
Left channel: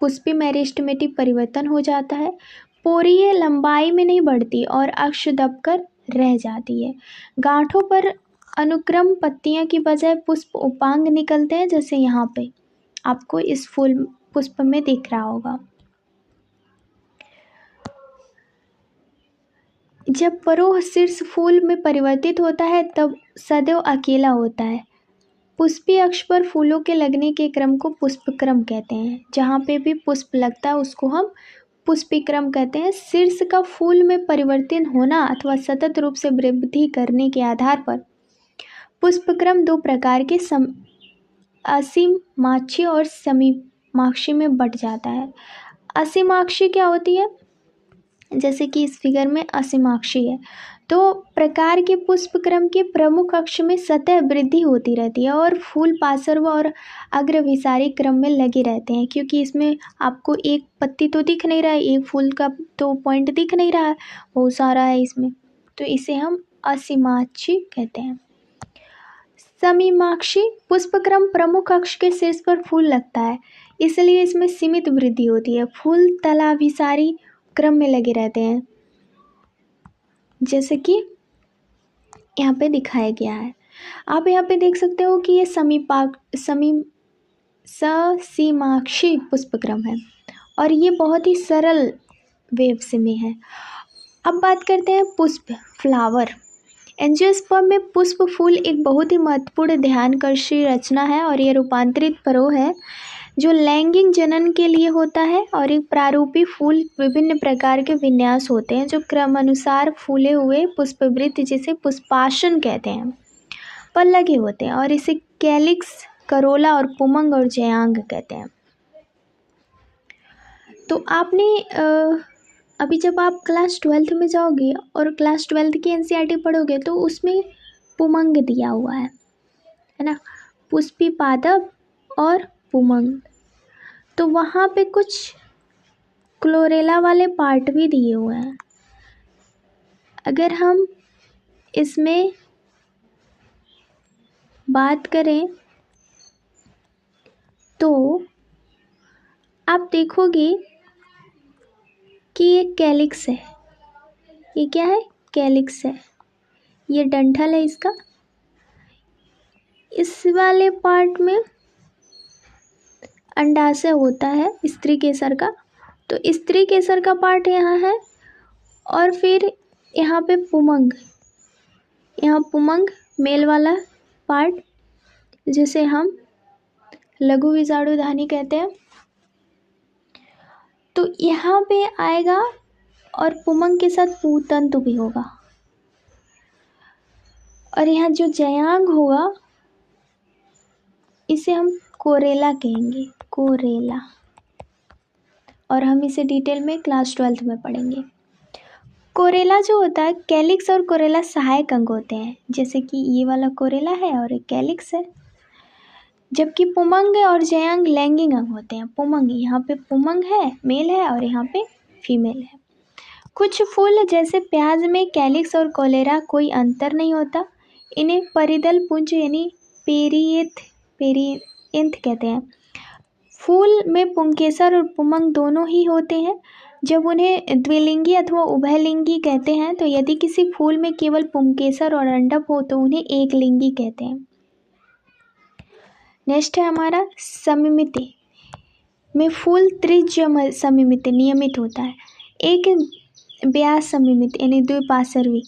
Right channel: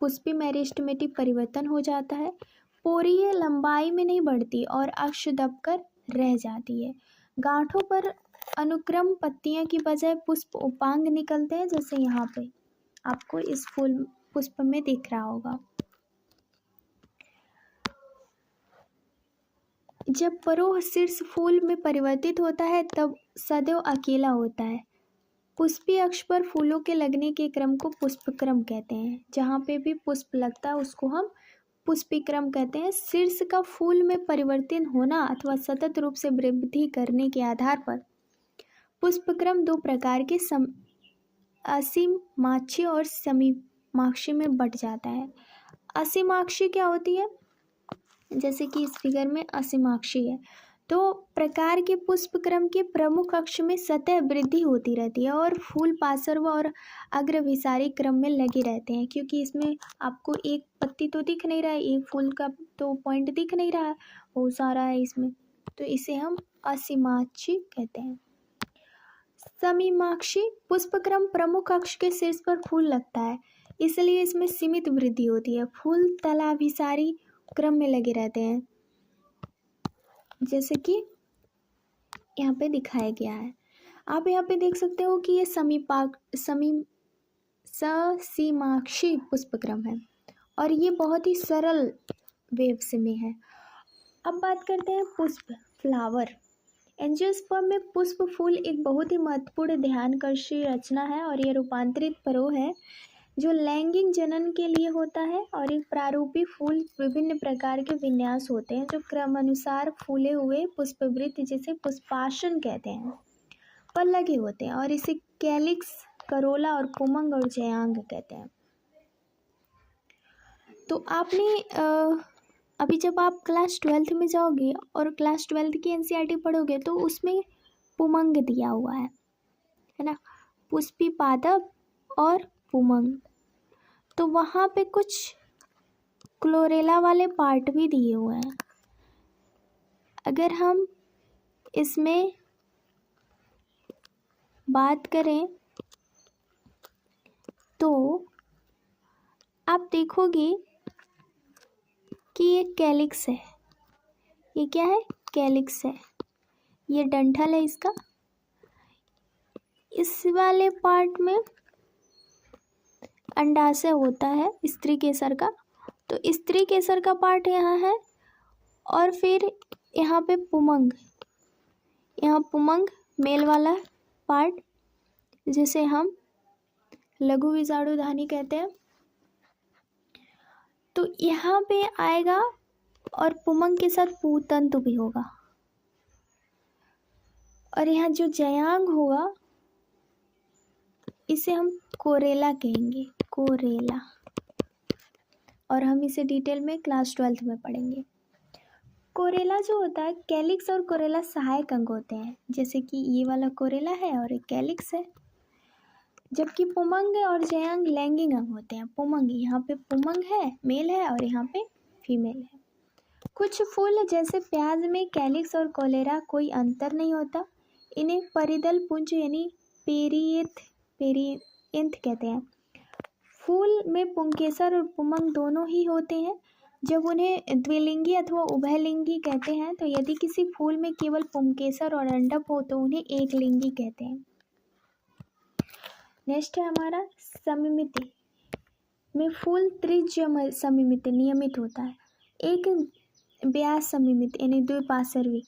पुष्पी मेरिस्टेमेटिक परिवर्तन हो जाता है। पोरियां लंबाई में नहीं बढ़ती और अक्ष दबकर रह जाती है। गांठों पर अनुक्रम पत्तियां की बजाय पुष्प उपांग निकलते हैं, जैसे यहाँ पे आपको इस फूल पुष्प में दिख रहा होगा। जब परोह शीर्ष फूल में परिवर्तित होता है तब सदैव अकेला होता है। पुष्पीय अक्ष पर फूलों के लगने के क्रम को पुष्पक्रम कहते हैं। जहाँ पे भी पुष्प लगता है उसको हम पुष्पीक्रम कहते हैं। शीर्ष का फूल में परिवर्तन होना अथवा सतत रूप से वृद्धि करने के आधार पर पुष्पक्रम दो प्रकार के असीमाक्षी और समीमाक्षी में बंट जाता है। असीमाक्षी क्या होती है? जैसे कि इस फिगर में असीमाक्षी है तो प्रकार के पुष्पक्रम के प्रमुख अक्ष में सतह वृद्धि होती रहती है और फूल पार्श्व और अग्रभिसारी क्रम में लगे रहते हैं। क्योंकि इसमें आपको एक पत्ती तो दिख नहीं रहा है, एक फूल का तो पॉइंट दिख नहीं रहा है, बहुत सारा है इसमें, तो इसे हम असीमाक्षी कहते हैं। समीमाक्षी पुष्पक्रम प्रमुख अक्ष के शीर्ष पर फूल लगता है, इसलिए इसमें सीमित वृद्धि होती है। फूल तलाभिसारी क्रम में लगे रहते हैं, जैसे कि यहाँ पे दिखाया गया है। आप यहाँ पे देख सकते हो कि ये ससीमाक्षी पुष्पक्रम है और ये बहुत ही सरल वेव से में है। अब बात करते हैं पुष्प, फ्लावर। एंजियोस्पर्म में पुष्प फूल एक बहुत ही महत्वपूर्ण ध्यानकर्षी रचना है और यह रूपांतरित परो है जो लैंगिक जनन के लिए होता है। और एक प्रारूपी फूल विभिन्न प्रकार के विन्यास होते हैं जो क्रमानुसार फूले हुए पुष्पवृत्त जिसे पुष्पासन कहते हैं पर लगे होते हैं और इसे कैलिक्स, करोला और पुमंग और जयांग कहते हैं। तो आपने अभी जब आप क्लास 12th में जाओगे और क्लास 12th की एनसीईआरटी पढ़ोगे तो उसमें पुमंग दिया हुआ है ना, पुष्पी पादप और पुमंग। तो वहाँ पे कुछ क्लोरेला वाले पार्ट भी दिए हुए हैं। अगर हम इसमें बात करें तो आप देखोगे कि ये कैलिक्स है। ये क्या है? कैलिक्स है। ये डंठल है इसका। इस वाले पार्ट में अंडाशय होता है स्त्री केसर का, तो स्त्री केसर का पार्ट यहाँ है और फिर यहाँ पे पुमंग, यहाँ पुमंग मेल वाला पार्ट जिसे हम लघु विजाणुधानी कहते हैं, तो यहाँ पे आएगा और पुमंग के साथ पूतंतु भी होगा और यहाँ जो जयांग होगा इसे हम कोरेला कहेंगे, कोरेला, और हम इसे डिटेल में क्लास 12th में पढ़ेंगे। कोरेला जो होता है, कैलिक्स और कोरेला सहायक अंग होते हैं, जैसे कि ये वाला कोरेला है और एक कैलिक्स है, जबकि पुमंग और जयांग लैंगिक अंग होते हैं। पुमंग, यहाँ पे पुमंग है मेल है और यहाँ पे फीमेल है। कुछ फूल जैसे प्याज में कैलिक्स और कोलेरा कोई अंतर नहीं होता। इन्हें परिदल पुंज यानी पेरिएंथ कहते हैं। फूल में पुंकेसर और पुमंग दोनों ही होते हैं। जब उन्हें द्विलिंगी अथवा उभयलिंगी कहते हैं, तो यदि किसी फूल में केवल पुंकेसर और अंडक हो तो उन्हें एक लिंगी कहते हैं। नेक्स्ट है हमारा समिमिति में फूल त्रिज्य समिमिति नियमित होता है। एक व्यास समिमित यानी द्विपार्श्वी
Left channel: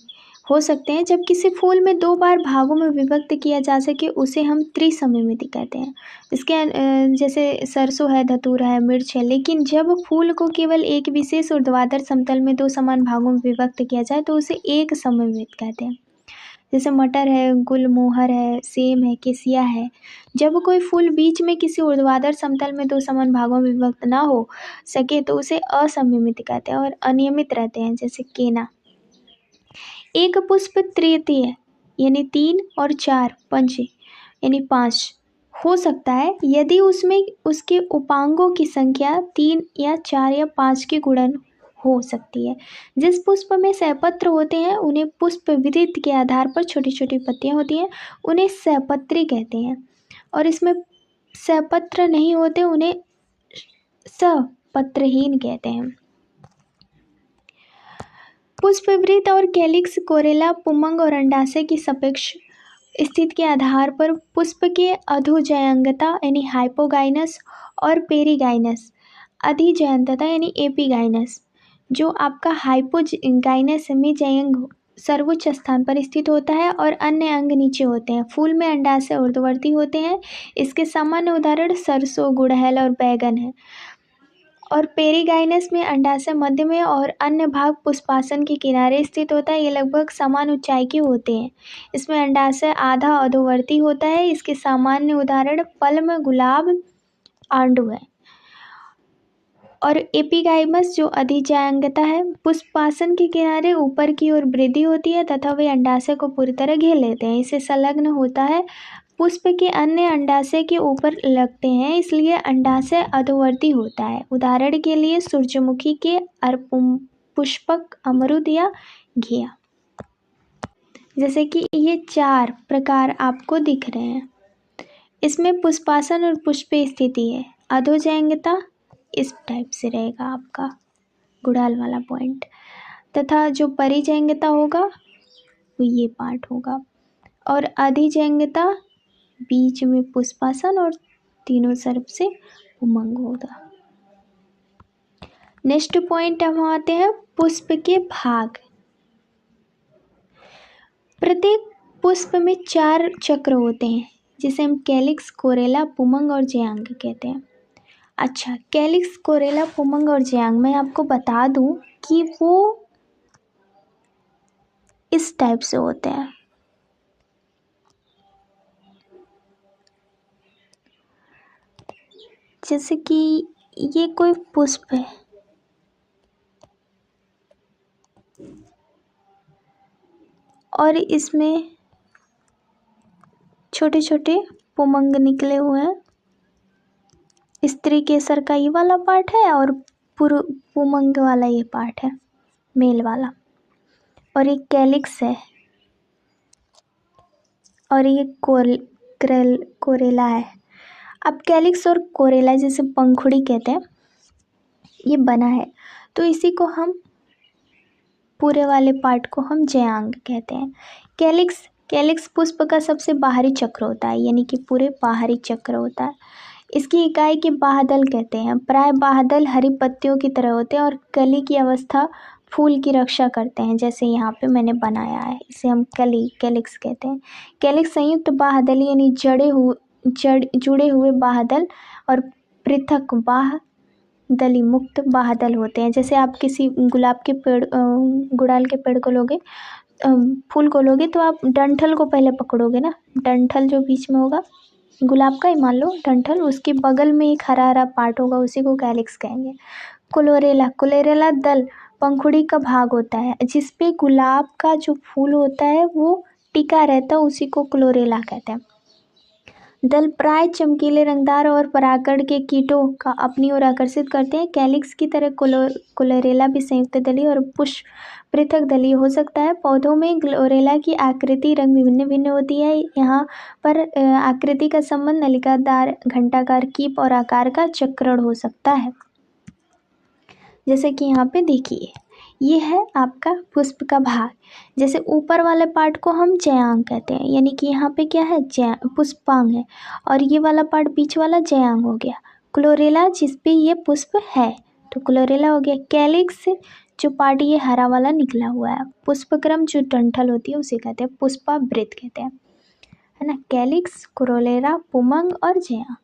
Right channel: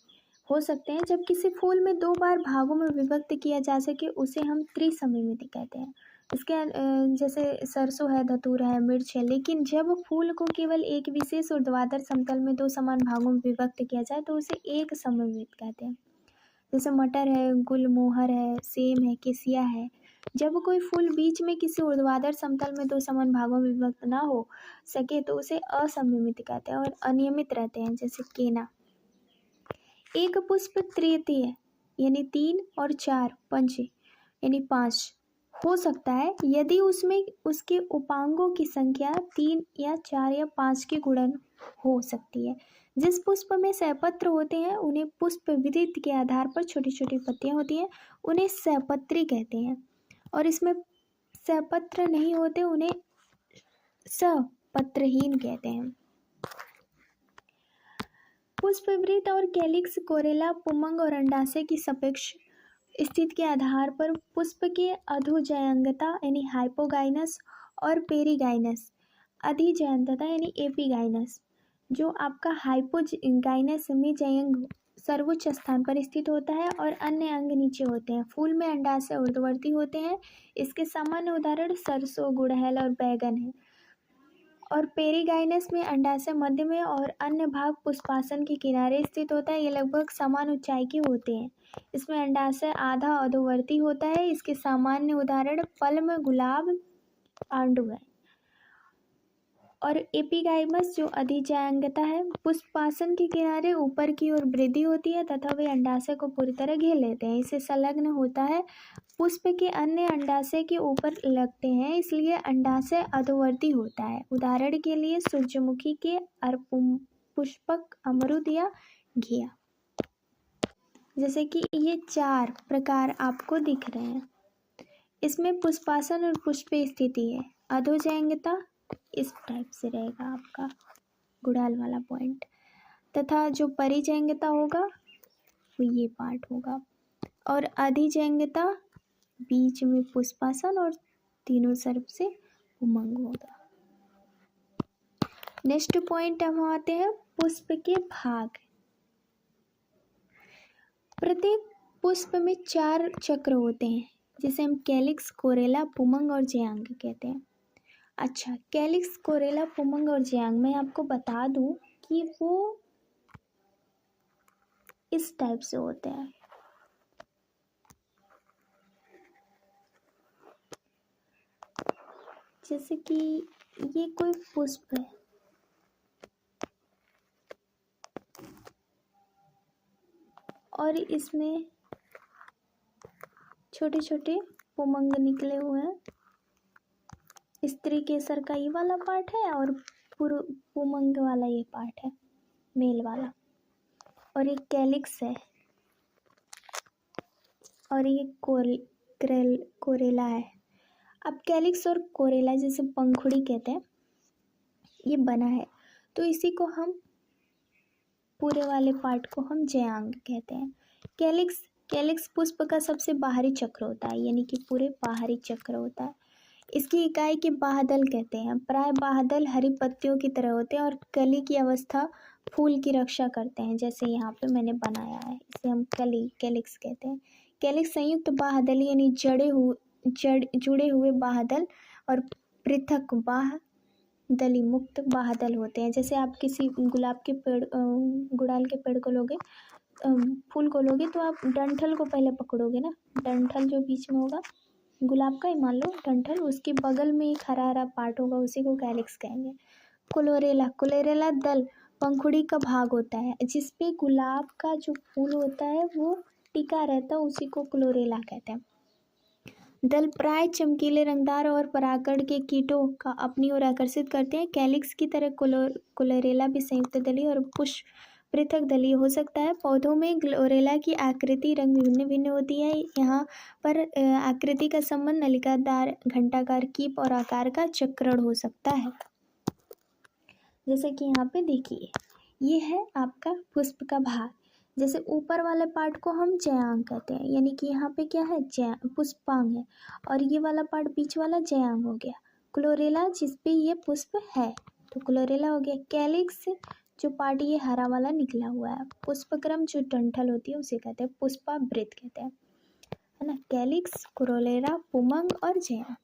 हो सकते हैं। जब किसी फूल में दो बार भागों में विभक्त किया जा सके उसे हम त्रिसमिमिति कहते हैं। इसके जैसे सरसों है, धतूरा है, मिर्च है। लेकिन जब फूल को केवल एक विशेष ऊर्ध्वाधर समतल में दो समान भागों में विभक्त किया जाए तो उसे एक समिमित कहते हैं। जैसे मटर है, गुलमोहर है, सेम है, केसिया है। जब कोई फूल बीच में किसी ऊर्ध्वाधर समतल में दो समान भागों में विभक्त ना हो सके तो उसे असमिमित कहते हैं और अनियमित रहते हैं, जैसे केना। एक पुष्प तृतीय यानी 3 और 4 पंच यानी 5 हो सकता है यदि उसमें उसके उपांगों की संख्या 3 या 4 या 5 की गुणन हो सकती है। जिस पुष्प में सहपत्र होते हैं उन्हें पुष्प विधित के आधार पर छोटी छोटी पत्तियां होती हैं, उन्हें सहपत्री कहते हैं। और इसमें सहपत्र नहीं होते उन्हें सपत्रहीन कहते हैं। पुष्पवृत्त और कैलिक्स, कोरेला, पुमंग और अंडाशय की सापेक्ष स्थिति के आधार पर पुष्प के अधोजयंगता यानी हाइपोगाइनस और पेरीगाइनस, अधिजयंतता यानी एपीगाइनस। जो आपका हाइपोगाइनस में जयंग सर्वोच्च स्थान पर स्थित होता है और अन्य अंग नीचे होते हैं। फूल में अंडाशय ऊर्ध्ववर्ती होते हैं। इसके सामान्य उदाहरण सरसों, गुड़हल और बैगन है। और पेरिगाइनस में अंडाशय मध्य में और अन्य भाग पुष्पासन के किनारे स्थित होता है। ये लगभग समान ऊंचाई के होते हैं। इसमें अंडाशय आधा अधोवर्ती होता है। इसके सामान्य उदाहरण पल्म, गुलाब, आंडू है। और एपिगाइमस जो अधिजांगता है, पुष्पासन के किनारे ऊपर की ओर वृद्धि होती है तथा वे अंडाशय को पूरी तरह घेर लेते हैं। इसे संलग्न होता है। पुष्प के अन्य अंडाशय के ऊपर लगते हैं, इसलिए अंडाशय अधोवर्ती होता है। उदाहरण के लिए सूरजमुखी के पुष्पक, अमरूद या घिया। जैसे कि ये 4 प्रकार आपको दिख रहे हैं। इसमें पुष्पासन और पुष्प स्थिति है। अधोजांगता इस टाइप से रहेगा आपका गुड़हल वाला पॉइंट, तथा जो परिजांगता होगा वो ये पार्ट होगा। और अधिजांगता बीच में पुष्पासन और तीनों तरफ से उमंग होगा। नेक्स्ट पॉइंट हम आते हैं पुष्प के भाग। प्रत्येक पुष्प में 4 चक्र होते हैं जिसे हम कैलिक्स, कोरेला, पुमंग और जयांग कहते हैं। अच्छा, कैलिक्स, कोरेला, पुमंग और जयांग मैं आपको बता दूं कि वो इस टाइप से होते हैं। जैसे कि ये कोई पुष्प है, और इसमें छोटे छोटे पुमंग निकले हुए हैं। स्त्री केसर का ये वाला पार्ट है और पुमंग वाला ये पार्ट है, मेल वाला। और ये कैलिक्स है और ये कोरेला है। अब कैलिक्स और कोरेला जैसे पंखुड़ी कहते हैं, ये बना है, तो इसी को हम पूरे वाले पार्ट को हम जयांग कहते हैं। कैलिक्स पुष्प का सबसे बाहरी चक्र होता है, यानी कि पूरे बाहरी चक्र होता है। इसकी इकाई के बाह्यदल कहते हैं। प्राय बाह्यदल हरी पत्तियों की तरह होते हैं और कली की अवस्था फूल की रक्षा करते हैं। जैसे यहाँ पे मैंने बनाया है, इसे हम कैलिक्स कहते हैं। कैलिक्स संयुक्त बाह्यदल यानी जुड़े हुए बाह्यदल और पृथक बाह्यदली मुक्त बाह्यदल होते हैं। जैसे आप किसी गुलाब के पेड़, गुड़हल के पेड़ को लोगे, फूल को लोगे, तो आप डंठल को पहले पकड़ोगे ना। डंठल जो बीच में होगा गुलाब का ही मान लो डंठल, उसके बगल में एक हरा हरा पार्ट होगा, उसी को कैलिक्स कहेंगे। कोलोरेला दल पंखुड़ी का भाग होता है, जिसपे गुलाब का जो फूल होता है वो टिका रहता है, उसी को क्लोरेला कहते हैं। दल प्राय चमकीले, रंगदार और परागण के कीटों का अपनी ओर आकर्षित करते हैं। कैलिक्स की तरह कोलोरेला भी संयुक्त दली और पुष्प पृथक दलीय हो सकता है। पौधों में क्लोरेला की आकृति, रंग भिन्न भिन्न होती है। यहाँ पर आकृति का संबंध नलिकादार, घंटाकार, कीप और आकार का चक्रण हो सकता है। जैसे कि यहाँ पे देखिए, ये है आपका पुष्प का भाग। जैसे ऊपर वाले पार्ट को हम जयांग कहते हैं, यानी कि यहाँ पे क्या है, पुष्पांग है, और ये वाला पार्ट बीच वाला जयांग हो गया। क्लोरेला जिसपे ये पुष्प है तो क्लोरेला हो गया। कैलिक्स जो पार्ट ये हरा वाला निकला हुआ है, पुष्पक्रम जो डंठल होती है उसे कहते हैं, पुष्पावृत कहते हैं, है ना। कैलिक्स, क्लोरेला, पुमंग और जयांग।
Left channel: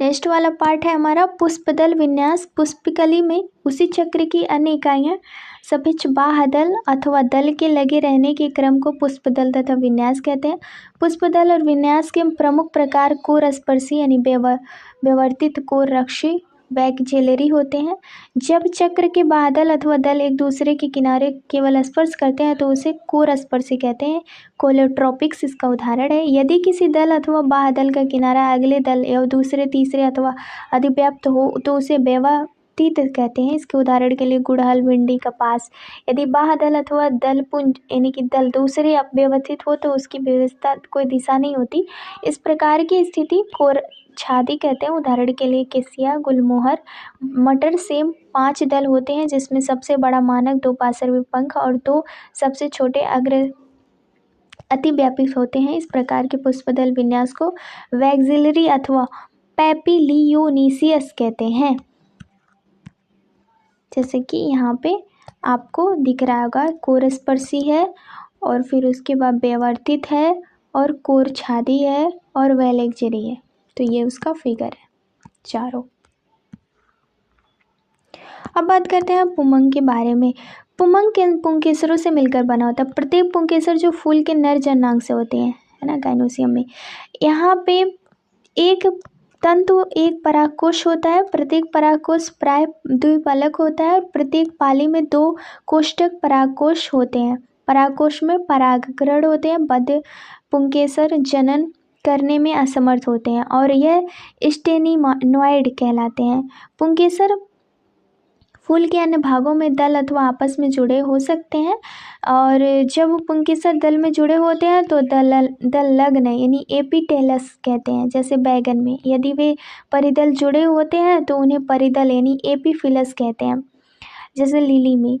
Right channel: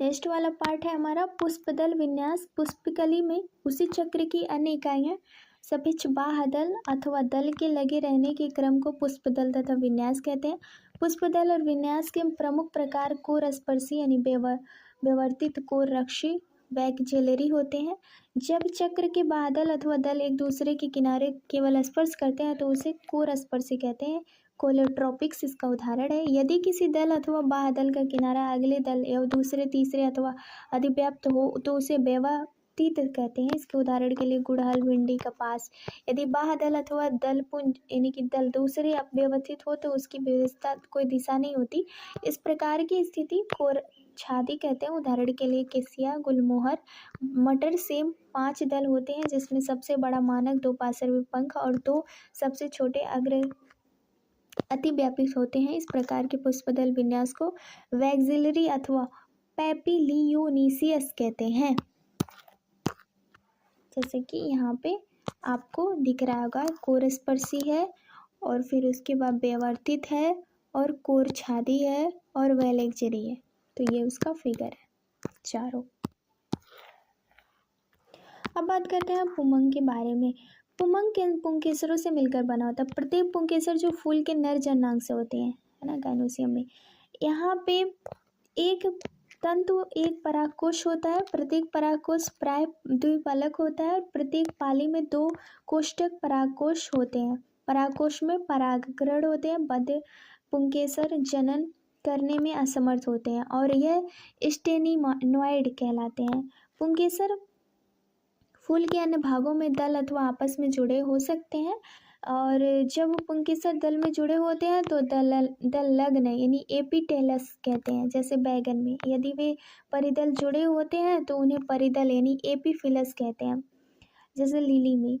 नेक्स्ट वाला पार्ट है हमारा पुष्पदल विन्यास। पुष्पकली में उसी चक्र की अन्य इकाइयाँ सपिच बाह्यदल अथवा दल के लगे रहने के क्रम को पुष्पदल तथा विन्यास कहते हैं। पुष्पदल और विन्यास के प्रमुख प्रकार कोर स्पर्शी यानी व्यवर्तित कोर रक्षी वैगजेलरी होते हैं। जब चक्र के बादल अथवा दल एक दूसरे के किनारे केवल स्पर्श करते हैं तो उसे कोर स्पर्शी कहते हैं। कोलेट्रोपिक्स इसका उदाहरण है। यदि किसी दल अथवा बाह्यदल का किनारा अगले दल या दूसरे, तीसरे अथवा अधिव्याप्त हो तो उसे व्यवतीत कहते हैं। इसके उदाहरण के लिए गुड़हल, भिंडी, कपास। यदि बाह्यदल अथवा दल पुंज यानी कि दल दूसरे व्यवथित हो तो उसकी व्यवस्था कोई दिशा नहीं होती। इस प्रकार की स्थिति कोर छादी कहते हैं। उदाहरण के लिए केसिया, गुलमोहर, मटर, सेम 5 दल होते हैं, जिसमें सबसे बड़ा मानक 2 पार्श्वी पंख और 2 सबसे छोटे अग्र अतिव्यापी होते हैं। इस प्रकार के पुष्पदल विन्यास को वैक्सिलरी अथवा पैपिलियोनिसियस कहते हैं। जैसे कि यहाँ पे आपको दिख रहा होगा, कोरस्पर्शी है और फिर उसके बाद व्यवर्तित है और कोरछादी है और वैलेक्जेरी है। तो ये उसका फिगर है चारों। अब बात करते हैं पुमंग के बारे में। पुमंग के पुंकेसरों से मिलकर बना होता है। प्रत्येक पुंकेसर जो फूल के नर जननांग से होते हैं, है ना, गाइनोसियम में। यहाँ पे एक तंतु एक परागकोश होता है। प्रत्येक परागकोश प्राय द्विपलक होता है और प्रत्येक पाली में 2 कोष्ठक परागकोश होते हैं। परागकोश में परागग्रहण होते हैं। बद्ध पुंकेसर जनन करने में असमर्थ होते हैं और यह स्टेनिनॉइड कहलाते हैं। पुंकेसर फूल के अन्य भागों में दल अथवा आपस में जुड़े हो सकते हैं और जब पुंकेसर दल में जुड़े होते हैं तो दल लग्न यानी एपिटेलस कहते हैं। जैसे बैगन में यदि वे परिदल जुड़े होते हैं तो उन्हें परिदल यानी एपीफिलस कहते हैं। जैसे लिली में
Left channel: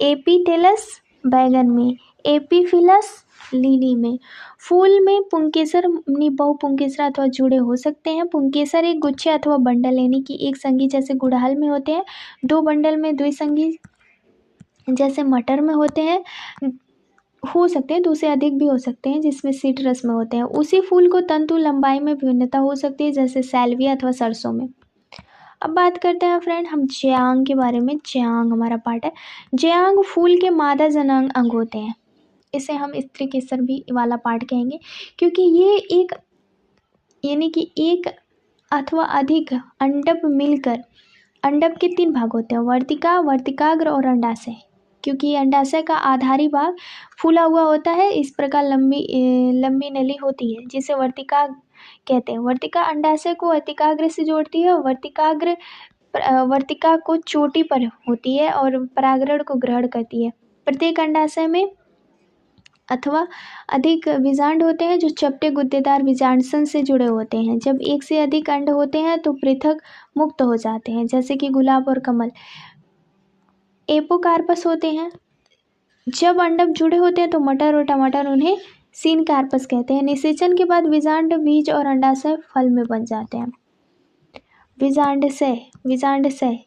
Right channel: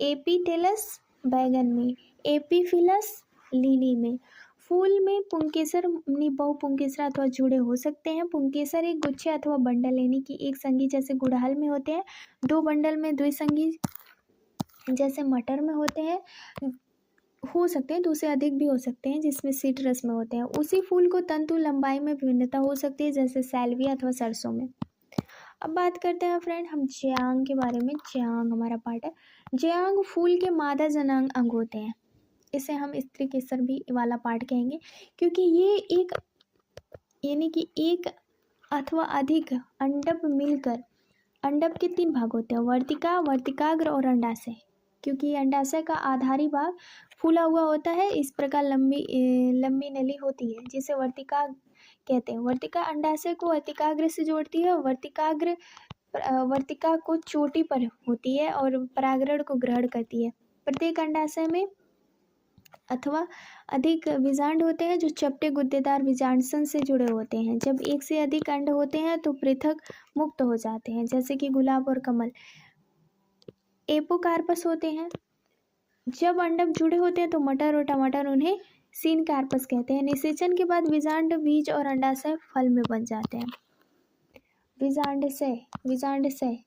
एपिटेलस, बैगन में एपीफिलस, लिली में। फूल में पुंकेसर बहुपुंकेसर अथवा जुड़े हो सकते हैं। पुंकेसर एक गुच्छे अथवा बंडल यानी कि एक संगी जैसे गुड़हल में होते हैं। 2 बंडल में द्विसंगी जैसे मटर में होते हैं, हो सकते हैं 2 से अधिक भी हो सकते हैं जिसमें सिट्रस में होते हैं। उसी फूल को तंतु लंबाई में विभिन्नता हो सकती है जैसे सैल्विया अथवा सरसों में। अब बात करते हैं फ्रेंड हम ज्यांग के बारे में। ज्यांग हमारा पार्ट है। ज्यांग फूल के मादा जनांग अंग होते हैं। इसे हम स्त्री केसर भी वाला पार्ट कहेंगे क्योंकि ये एक यानी कि एक अथवा अधिक अंडप मिलकर, अंडप के 3 भाग होते हैं, वर्तिका, वर्तिकाग्र और अंडाशय। क्योंकि अंडाशय का आधारी भाग फूला हुआ होता है, इस प्रकार लंबी नली होती है जिसे वर्तिका कहते हैं। वर्तिका अंडाशय को वर्तिकाग्र से जोड़ती है और वर्तिकाग्र वर्तिका को चोटी पर होती है और परागरण को ग्रहण करती है। प्रत्येक अंडाशय में अथवा अधिक बीजांड होते हैं जो चपटे गुद्देदार बीजांडसन से जुड़े होते हैं। जब एक से अधिक अंड होते हैं तो पृथक मुक्त हो जाते हैं जैसे कि गुलाब और कमल। एपोकार्पस होते हैं। जब अंडक जुड़े होते हैं तो मटर और टमाटर उन्हें सीन कार्पस कहते हैं। निषेचन के बाद बीजांड बीज और अंडाशय फल में बन जाते हैं। बीजांडशय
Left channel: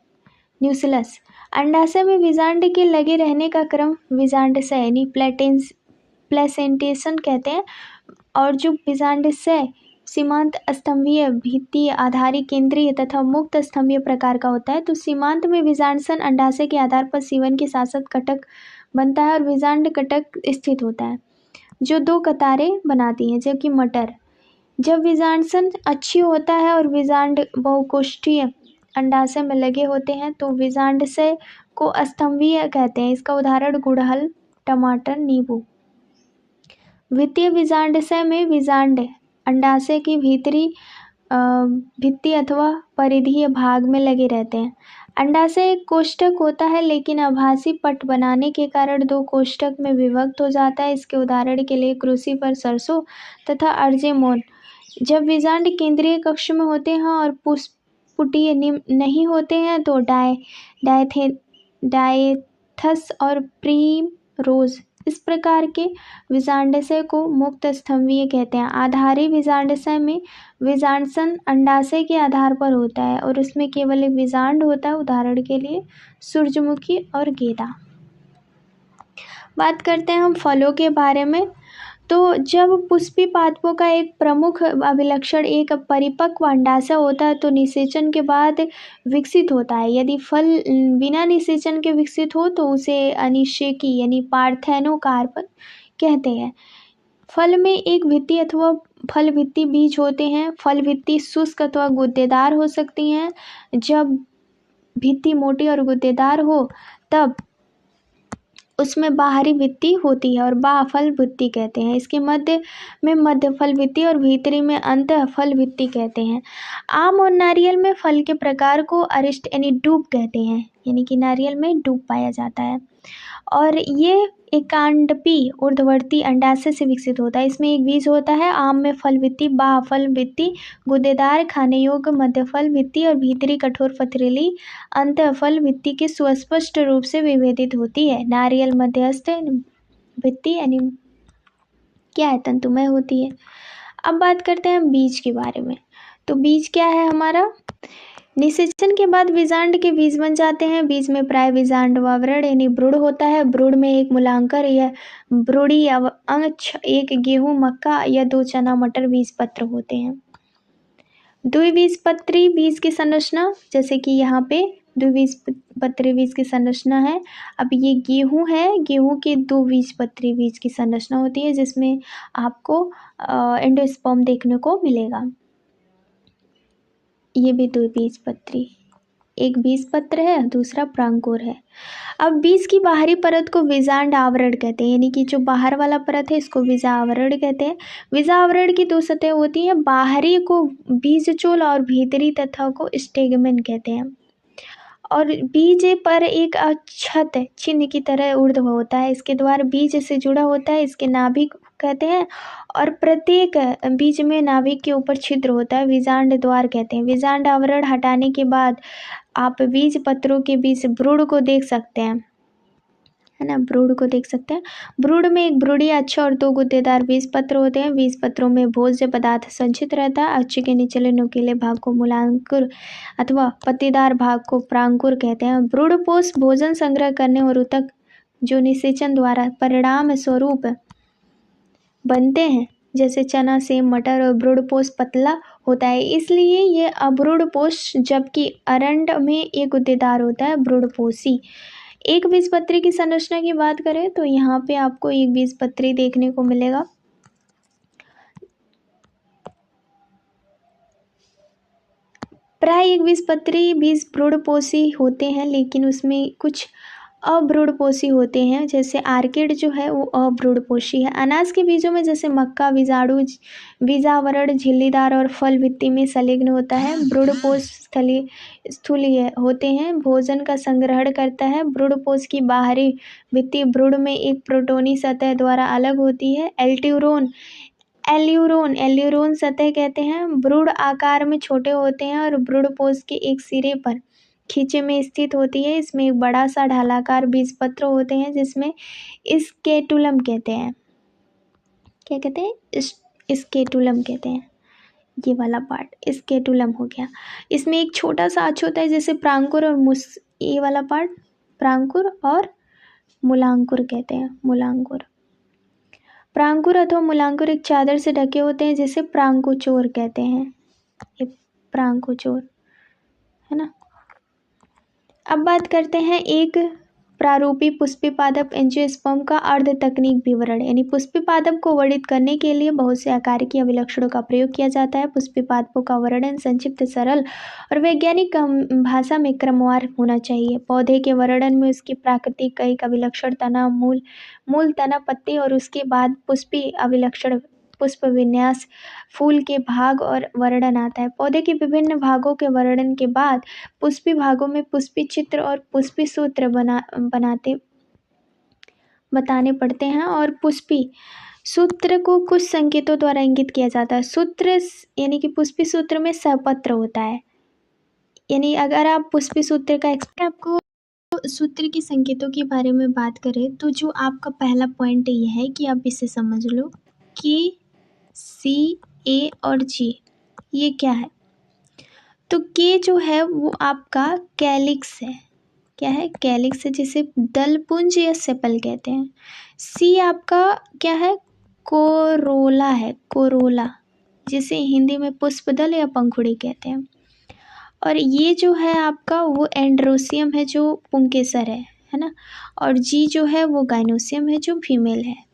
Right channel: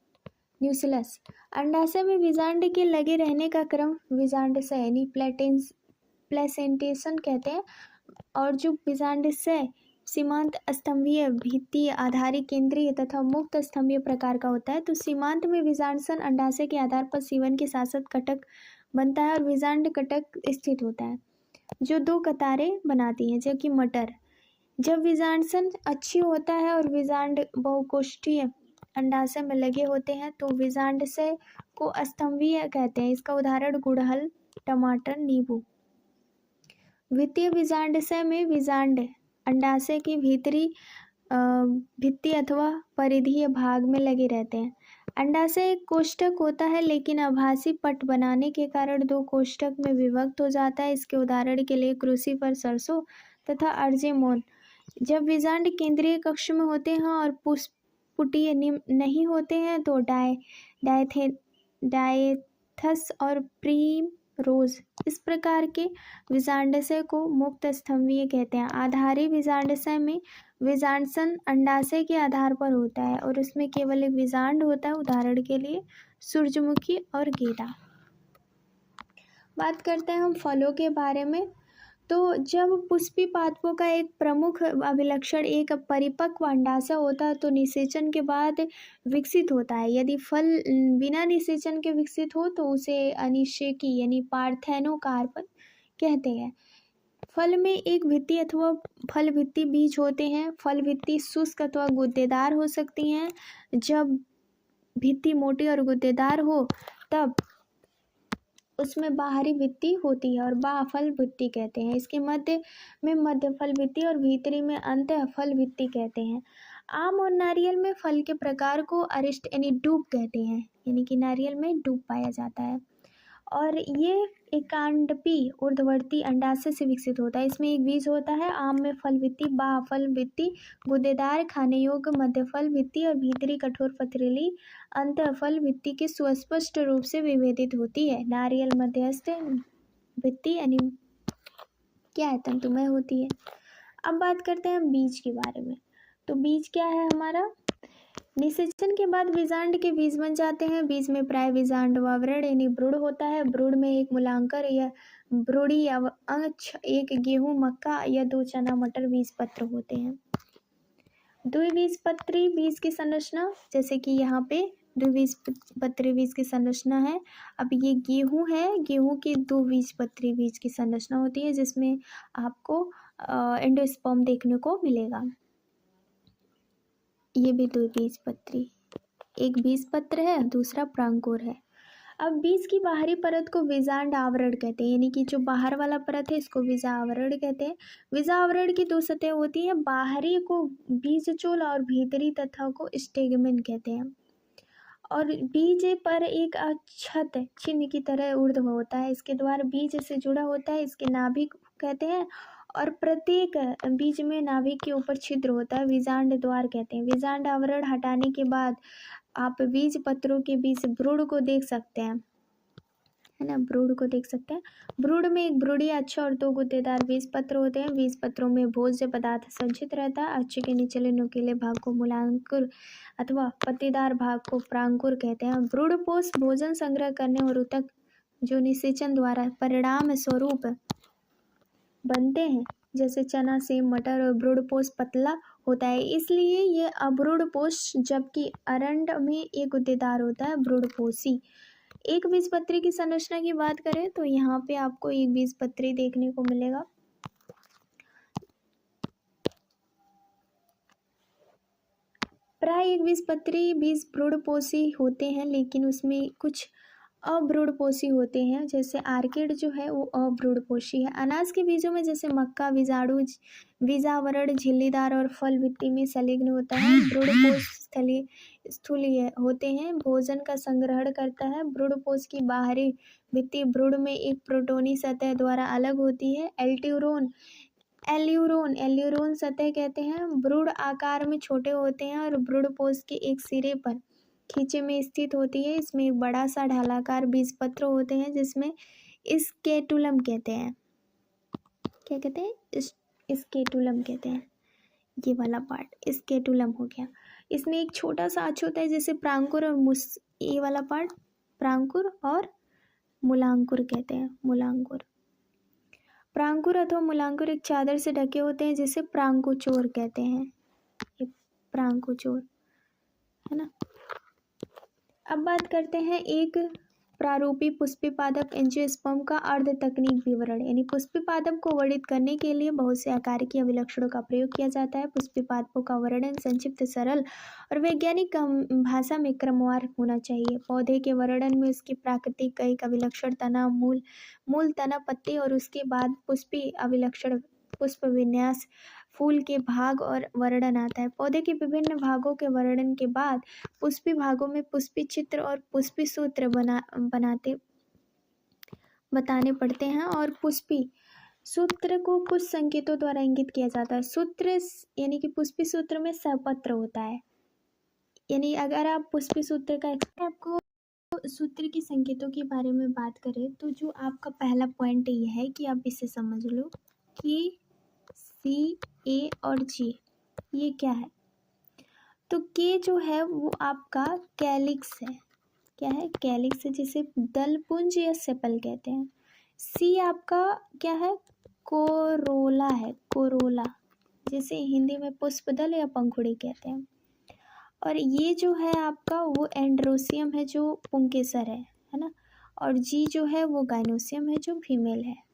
न्यूक्लियस। अंडाशय में बीजांड के लगे रहने का क्रम बीजांडशय यानी प्लेसेंटेशन कहते हैं। और जो बीजांडशय सीमांत स्तंभीय, भित्तीय, आधारी, केंद्रीय तथा मुक्त स्तंभीय प्रकार का होता है। तो सीमांत में बीजांडसन अंडाशय के आधार पर सीवन के साथ साथ कटक बनता है और बीजांड कटक स्थित होता है जो 2 कतारें बनाती हैं। जबकि मटर, जब बीजांडसन अच्छी होता है और बीजांड बहुकोष्ठीय अंडाशय में लगे होते हैं तो बीजांडशय को स्तंभीय कहते हैं। इसका उदाहरण गुड़हल, टमाटर, नींबू। वित्तीय बीजांडशय में बीजांड अंडाशय की भित्ति अथवा परिधीय भाग में लगे रहते हैं। अंडाशय एक कोष्ठक होता है लेकिन आभासी पट बनाने के कारण 2 कोष्ठक में विभक्त हो जाता है। इसके उदाहरण के लिए क्रूसीफर, सरसों तथा अर्जेमोन। जब बीजांड केंद्रीय कक्ष में होते हैं और पुष्पपुटीय नहीं होते हैं तो डायथस और प्रीमरोज। इस प्रकार के बीजांडशय को मुक्त स्तंभीय कहते हैं। आधारी बीजांडशय में बीजांडसन अंडाशय के आधार पर होता है और उसमें केवल एक बीजांड होता है, उदाहरण के लिए सूरजमुखी और गेंदा। बात करते हैं हम फलों के बारे में। तो जब पुष्पी पादपों का एक प्रमुख अभिलक्षण एक परिपक्व अंडाशय होता है तो निषेचन के बाद विकसित होता है। यदि फल बिना निषेचन के विकसित हो तो उसे अनिषेकी यानी पार्थेनोकार्प कहते हैं। फल में एक भित्ति अथवा फल भित्ति बीज होते हैं। फल भित्ति शुष्क अथवा गुद्देदार हो सकती हैं। जब भित्ति मोटी और गुद्देदार हो तब उसमें बाहरी भित्ति होती है और बाह्यफल भित्ति कहते हैं। इसके मध्य में मध्य फल भित्ति और भीतरी में अंतः फल भित्ति कहते हैं। आम और नारियल में फल के प्रकार को अरिष्ट यानी डूब कहते हैं, यानी कि नारियल में डूब पाया जाता है और ये एकांडपी ऊर्ध्ववर्ती अंडाशय से विकसित होता है। इसमें एक बीज होता है। आम में फल भित्ति, बाह्यफल भित्ति गुद्देदार, खाने योग्य मध्यफल भित्ति और भीतरी कठोर पथरीली अंतःफल भित्ति के सुस्पष्ट रूप से विभेदित होती है। नारियल मध्यस्थ भित्ति यानी क्या है, तंतुमय होती है। अब बात करते हैं बीज के बारे में। तो बीज क्या है हमारा? निषेचन के बाद बीजांड के बीज बन जाते हैं। बीज में प्राय बीजांड आवरण यानी भ्रूण होता है। भ्रूण में एक मूलांकर या भ्रूणी अंश, एक गेहूं, मक्का या 2 चना मटर बीज पत्र होते हैं। द्विबीजपत्री बीज की संरचना, जैसे कि यहाँ पे द्विबीजपत्री बीज की संरचना है। अब ये गेहूं है, गेहूं के द्विबीजपत्री बीज की संरचना होती है, जिसमें आपको एंडोस्पर्म देखने को मिलेगा। ये भी द्विबीजपत्री, एक बीजपत्र है, दूसरा प्रांकुर है। अब बीज की बाहरी परत को बीजांड आवरण कहते हैं, यानी कि जो बाहर वाला परत है इसको बीजा आवरण कहते हैं। बीजा आवरण की 2 सतह होती हैं, बाहरी को बीजचोल और भीतरी तथा को स्टेगमेन कहते हैं। और बीज पर एक अक्षत चिन्ह की तरह ऊर्ध्व होता है, इसके द्वारा बीज से जुड़ा होता है, इसके नाभिक कहते हैं। और प्रत्येक बीज में नाभिक के ऊपर छिद्र होता है, बीजांड द्वार कहते हैं। बीजांड आवरण हटाने के बाद आप बीज पत्रों के बीच भ्रूण को देख सकते हैं, है ना, भ्रूण को देख सकते हैं। भ्रूण में एक भ्रूणीय अक्ष और 2 गुद्देदार बीज पत्र होते हैं। बीज पत्रों में भोज्य पदार्थ संचित रहता है। अक्ष के निचले नुकीले भाग को मूलांकुर अथवा पत्तीदार भाग को प्रांकुर कहते हैं। भ्रूणपोष भोजन संग्रह करने और ऊतक जो निषेचन द्वारा परिणाम स्वरूप बनते हैं, जैसे चना, सेम, मटर, और भ्रूणपोष पतला होता है, इसलिए ये अभ्रूणपोष, जबकि अरंड में एक गुद्देदार होता है, भ्रूणपोषी। एक बीजपत्री की संरचना की बात करें तो यहाँ पे आपको एक बीजपत्री देखने को मिलेगा। प्राय एक बीजपत्री बीज भ्रूणपोषी होते हैं, लेकिन उसमें कुछ अभ्रूणपोषी होते हैं, जैसे आर्किड जो है वो अभ्रूणपोषी है। अनाज के बीजों में जैसे मक्का बीजाणु बीजावरण झिल्लीदार और फल भित्ति में संलग्न होता है। भ्रूणपोष स्थूलीय होते हैं, भोजन का संग्रहण करता है। भ्रूणपोष की बाहरी भित्ति भ्रूण में एक प्रोटोनी सतह द्वारा अलग होती है। एल्यूरोन सतह कहते हैं। भ्रूण आकार में छोटे होते हैं और भ्रूणपोष के एक सिरे पर खींचे में स्थित होती है। इसमें एक बड़ा सा ढालाकार बीजपत्र होते हैं, जिसमें स्केटुलम कहते हैं। क्या कहते हैं? स्केटुलम कहते हैं। ये वाला पार्ट स्केटुलम हो गया। इसमें एक छोटा सा अक्ष होता है, जैसे प्रांकुर और ये वाला पार्ट प्रांकुर और मूलांकुर कहते हैं। मूलांकुर, प्रांकुर अथवा मूलांकुर एक चादर से ढके होते हैं, जिसे प्रांकुचोर कहते हैं। ये प्रांकुचोर है ना। अब बात करते हैं एक प्रारूपी पुष्पी पादप एंजियोस्पर्म का अर्ध तकनीक विवरण, यानी पुष्पी पादप को वर्णित करने के लिए बहुत से आकार की अभिलक्षणों का प्रयोग किया जाता है। पुष्पी पादपों का वर्णन संक्षिप्त, सरल और वैज्ञानिक भाषा में क्रमवार होना चाहिए। पौधे के वर्णन में उसकी प्राकृतिक कई अभिलक्षण, तना, मूल तना, पत्ती और उसके बाद पुष्पी अभिलक्षण, पुष्प विन्यास, फूल के भाग और वर्णन आता है। पौधे के विभिन्न भागों के वर्णन के बाद पुष्पी भागों में पुष्पी चित्र और पुष्पी सूत्र बताने पड़ते हैं, और पुष्पी सूत्र को कुछ संकेतों द्वारा इंगित किया जाता है। सूत्र यानी कि पुष्पी सूत्र में सहपत्र होता है, यानी अगर आप पुष्पी सूत्र का आपको सूत्र के संकेतों के बारे में बात करें तो जो आपका पहला पॉइंट ये है कि आप इसे समझ लो कि C, A और G ये क्या है। तो K जो है वो आपका कैलिक्स है। क्या है? कैलिक्स है, जिसे दलपुंज या सेपल कहते हैं। C आपका क्या है? कोरोला है, कोरोला, जिसे हिंदी में पुष्पदल या पंखुड़ी कहते हैं। और ये जो है आपका वो एंड्रोसियम है, जो पुंकेसर है ना। और G जो है वो गाइनोसियम है, जो फीमेल है।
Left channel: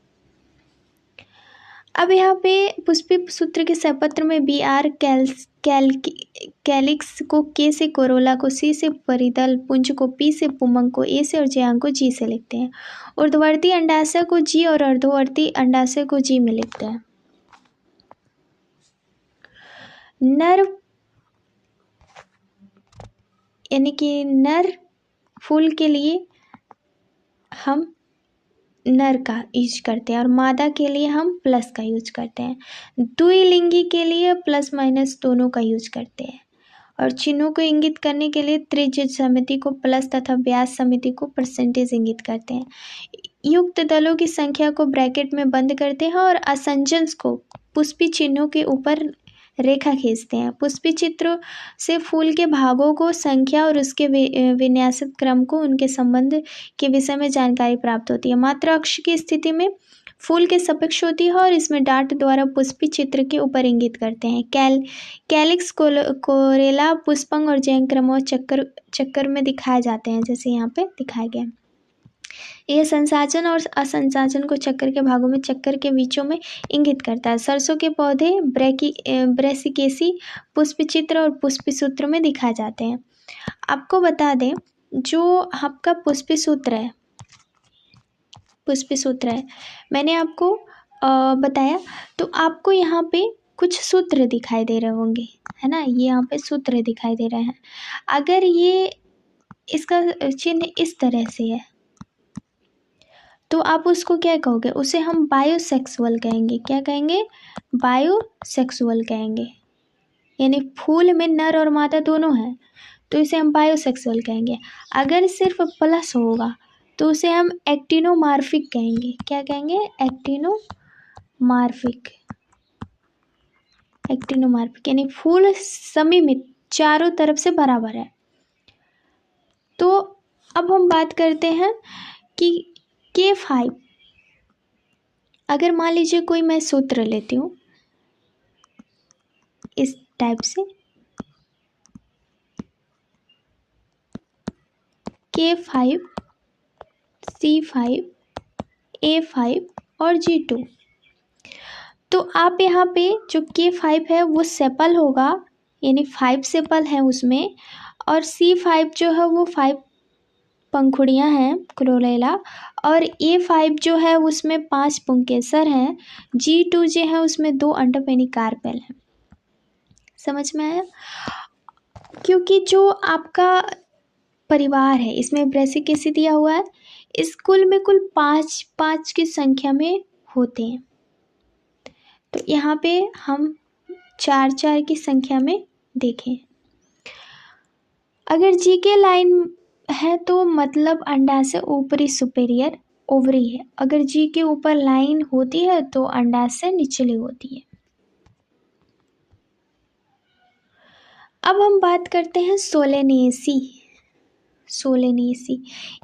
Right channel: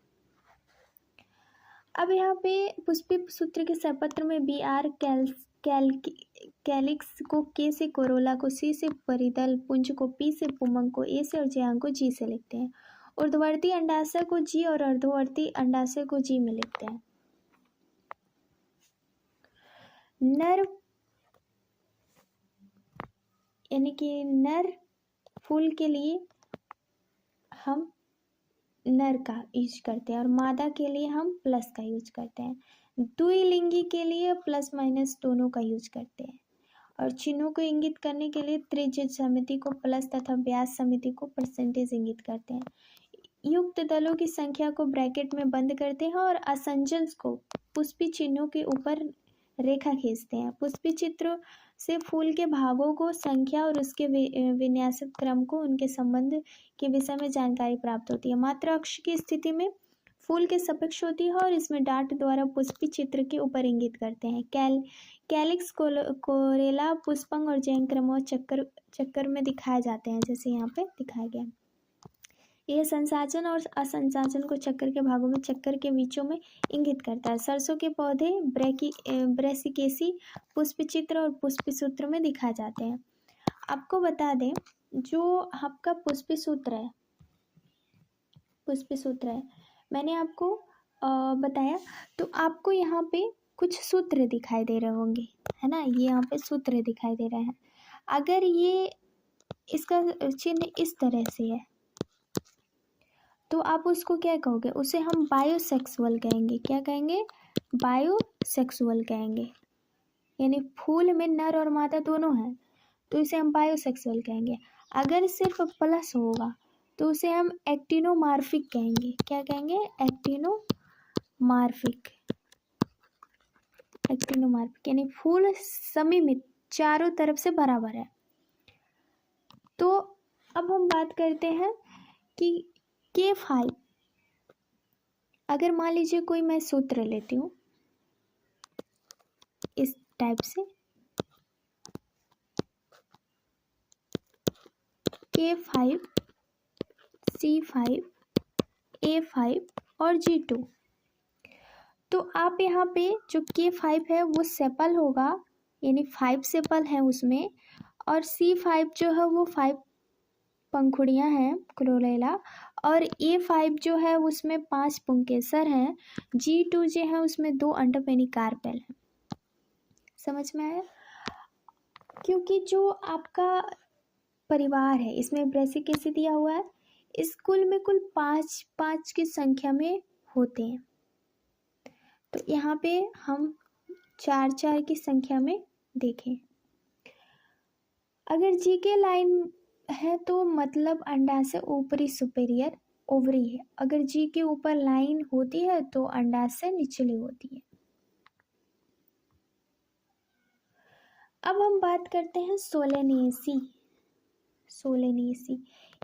अब यहाँ पे पुष्पी सूत्र के सहपत्र में BR कैलिक्स को K से, कोरोला को C से, परिदल पुंज को P से, पुमंग को A से और जयांग को G से लिखते हैं। ऊर्ध्वर्ती अंडाशय को G और अर्धवर्ती अंडाशय को G में लिखते हैं। नर यानी कि नर फूल के लिए हम नर का यूज करते हैं और मादा के लिए हम प्लस का यूज करते हैं। द्विलिंगी के लिए प्लस माइनस दोनों का यूज करते हैं। और चिन्हों को इंगित करने के लिए त्रिज्य समिति को प्लस तथा व्यास समिति को परसेंटेज इंगित करते हैं। युक्त दलों की संख्या को ब्रैकेट में बंद करते हैं और असंजन्स को पुष्पी चिन्हों के ऊपर रेखा खींचते हैं। पुष्पी चित्र से फूल के भागों को संख्या और उसके विन्यासित क्रम को उनके संबंध के विषय में जानकारी प्राप्त होती है। मात्रा अक्ष की स्थिति में फूल के सपेक्ष होती है और इसमें डाट द्वारा पुष्पी चित्र के ऊपर इंगित करते हैं। कैलिक्स कोरेला पुष्पंग और जयंक्रम और चक्कर में दिखाए जाते हैं, जैसे यहाँ पे दिखाया गया। यह संसाचन और असंसाचन को चक्कर के भागों में चक्कर के बीचों में इंगित करता है। सरसों के पौधे ब्रेसिकेसी पुष्पचित्र और पुष्पसूत्र में दिखाए जाते हैं। आपको बता दें, जो आपका पुष्पसूत्र है मैंने आपको बताया, तो आपको यहाँ पे कुछ सूत्र दिखाई दे रहे होंगे, है ना। ये यहाँ पे सूत्र दिखाई दे रहे हैं। अगर ये इसका चिन्ह इस तरह से है तो आप उसको क्या कहोगे? उसे हम बायोसेक्सुअल कहेंगे। क्या कहेंगे? बायोसेक्सुअल कहेंगे। यानी फूल में नर और मादा दोनों हैं, तो इसे हम बायोसेक्सुअल कहेंगे। अगर सिर्फ प्लस होगा तो उसे हम एक्टिनोमार्फिक कहेंगे। क्या कहेंगे? एक्टिनोमार्फिक। यानी फूल सममित, चारों तरफ से बराबर है। तो अब हम बात करते हैं कि K5, अगर मान लीजिए कोई मैं सूत्र लेती हूँ इस टाइप से, K5, C5, A5 और G2, तो आप यहाँ पे जो K5 है वो सेपल होगा, यानी 5 सेपल हैं उसमें, और C5 जो है वो 5 पंखुड़ियाँ हैं, क्लोरेला, और A5 जो है उसमें 5 पुंकेसर हैं। G2 जो है उसमें 2 अंडप यानी कार्पेल हैं। समझ में आया? क्योंकि जो आपका परिवार है इसमें ब्रेसिकेसी दिया हुआ है, इस कुल में कुल 5 की संख्या में होते हैं, तो यहाँ पे हम 4 की संख्या में देखें। अगर जी के लाइन है तो मतलब अंडा से ऊपरी सुपेरियर ओवरी है। अगर जी के ऊपर लाइन होती है तो अंडा से निचली होती है। अब हम बात करते हैं सोलेनेसी।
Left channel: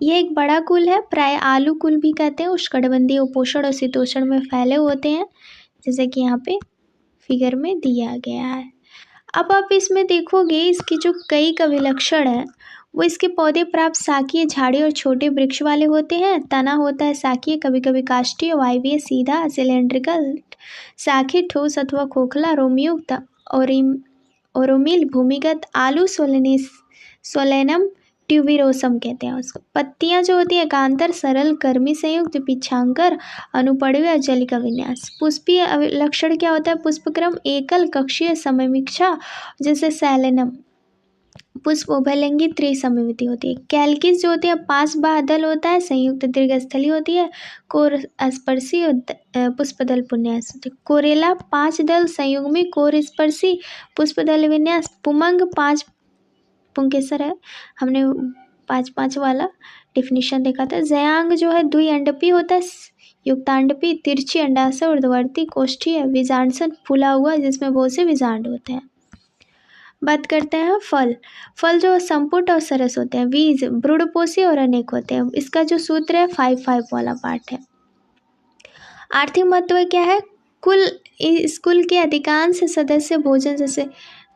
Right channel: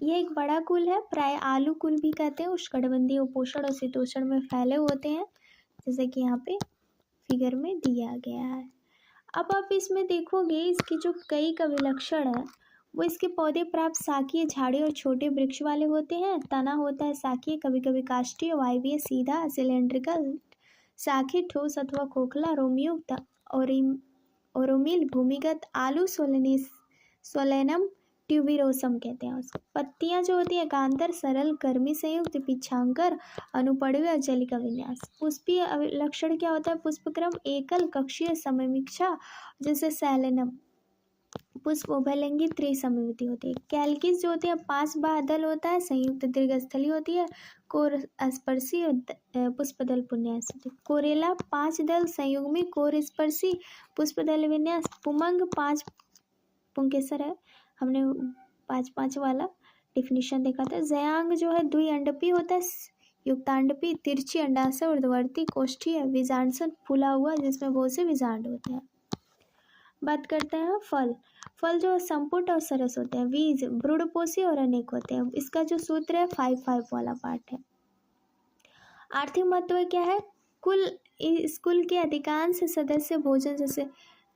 ये एक बड़ा कुल है, प्राय आलू कुल भी कहते हैं। उष्णकटिबंधीय, उपोष्ण और शीतोष्ण में फैले होते हैं, जैसे कि यहाँ पे फिगर में दिया गया है। अब आप इसमें देखोगे इसकी जो कई कविलक्षण है वो इसके पौधे प्राप्त शाखीय, झाड़ी और छोटे वृक्ष वाले होते हैं। तना होता है शाखीय, कभी कभी काष्ठीय, वायवीय, सीधा, सिलेंड्रिकल, शाखीय, ठोस अथवा खोखला, रोमयुक्त, ओरोमिल, भूमिगत। आलू सोलेनम ट्यूबिरोसम कहते हैं उसको। पत्तियां जो होती है एकांतर, सरल, कर्मी संयुक्त, पिछांकर, अनुपड़वी या जलिका विन्यास। पुष्पीय लक्षण क्या होता है? पुष्पक्रम एकल, कक्षीय, सममिक्षा, जैसे सैलेनम। पुष्प उभयलिंगी, त्रिसममिति होती है। कैलकिस जो होती है 5 बादल होता है, संयुक्त दीर्घस्थली होती है, कोर स्पर्शी पुष्पदल पुन्यास होती है। कोरेला 5 दल संयुग्मी, कोर स्पर्शी पुष्पदल विन्यास। पुमंग 5 पुंकेसर है, हमने 5 वाला डिफिनीशन देखा था। जयांग जो है द्विअंडपी होता है, युक्तांडपी, तिरछी अंडाशय, ऊर्ध्ववर्ती, कोष्ठीय, बीजांडसन फूला हुआ जिसमें बहुत से बीजांड होते हैं। बात करते हैं फल जो संपुट और सरस होते हैं। बीज ब्रूडपोषी और अनेक होते हैं। इसका जो सूत्र है 5 वाला पार्ट है। आर्थिक महत्व क्या है? इस कुल के अधिकांश सदस्य भोजन जैसे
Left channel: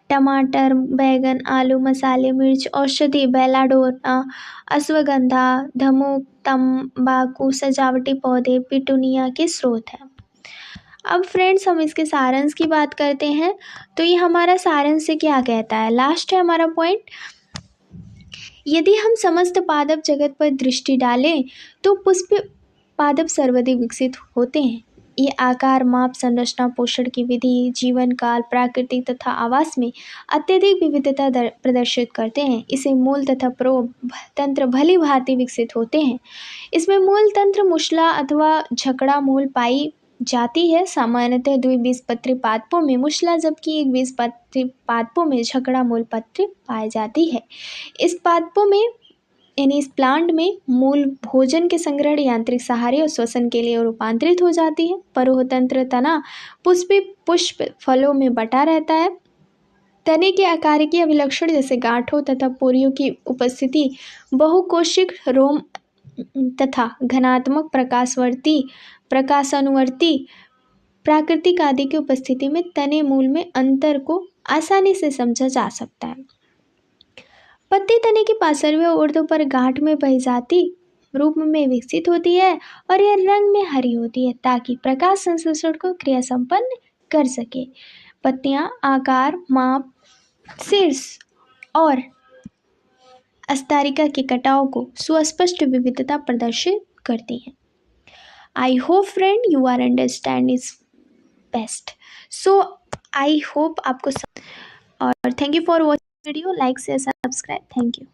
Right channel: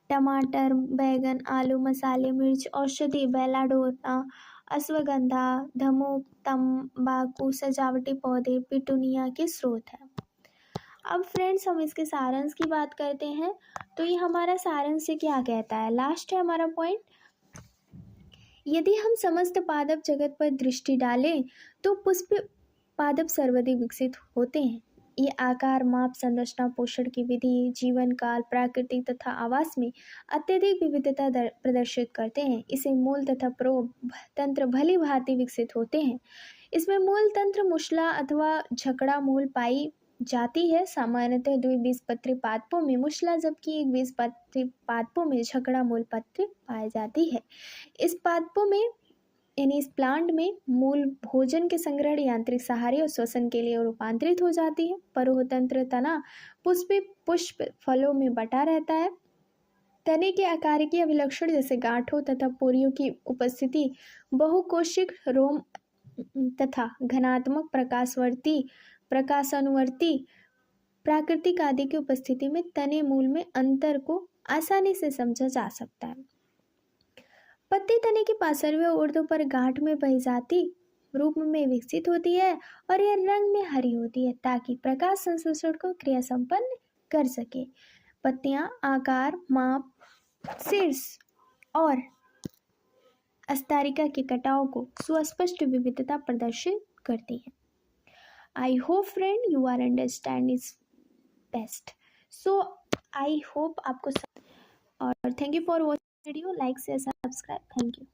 टमाटर, बैगन, आलू, मसाले, मिर्च, औषधि, बेलाडोना, अश्वगंधा, धमूक, तंबाकू, सजावटी पौधे, पिटूनिया के स्रोत हैं। अब फ्रेंड्स हम इसके सारांश की बात करते हैं, तो ये हमारा सारांश से क्या कहता है? लास्ट है हमारा पॉइंट। यदि हम समस्त पादप जगत पर दृष्टि डालें तो पुष्प पादप सर्वाधिक विकसित होते हैं। ये आकार, माप, संरचना, पोषण की विधि, जीवन काल, प्राकृतिक तथा आवास में अत्यधिक विविधता प्रदर्शित करते हैं। इसे मूल तथा प्रोब तंत्र भली भांति विकसित होते हैं। इसमें मूल तंत्र मुशला अथवा झकड़ा मूल पाई जाती है। सामान्यतः द्विबीजपत्री पादपों में मुशला जबकि एक बीजपत्री पादपों में झकड़ा मूल पत्री पाई जाती है। इस पादपों में यानी इस प्लांट में मूल भोजन के संग्रहण यांत्रिक सहारे और श्वसन के लिए रूपांतरित हो जाती है। परोहतंत्र तना पुष्प फलों में बटा रहता है। तने के आकारिकी अभिलक्षण जैसे गांठों तथा पोरियों की उपस्थिति, बहुकोशिक रोम तथा घनात्मक प्रकाशानुवर्ती प्राकृतिक आदि की उपस्थिति में तने मूल में अंतर को आसानी से समझा जा सकता है। पत्ती तने की पार्श्वीय ऊर्ध्व पर गांठ में परिजाति रूप में विकसित होती है और यह रंग में हरी होती है ताकि प्रकाश संश्लेषण को क्रिया संपन्न कर सके। पत्तियां आकार, माप, शीर्ष और अस्तारिका के कटाव को सुस्पष्ट विविधता प्रदर्शित करती हैं। I hope friend you are understand is best. So I hope आपको और thank you for watching video. Like share subscribe. Thank you.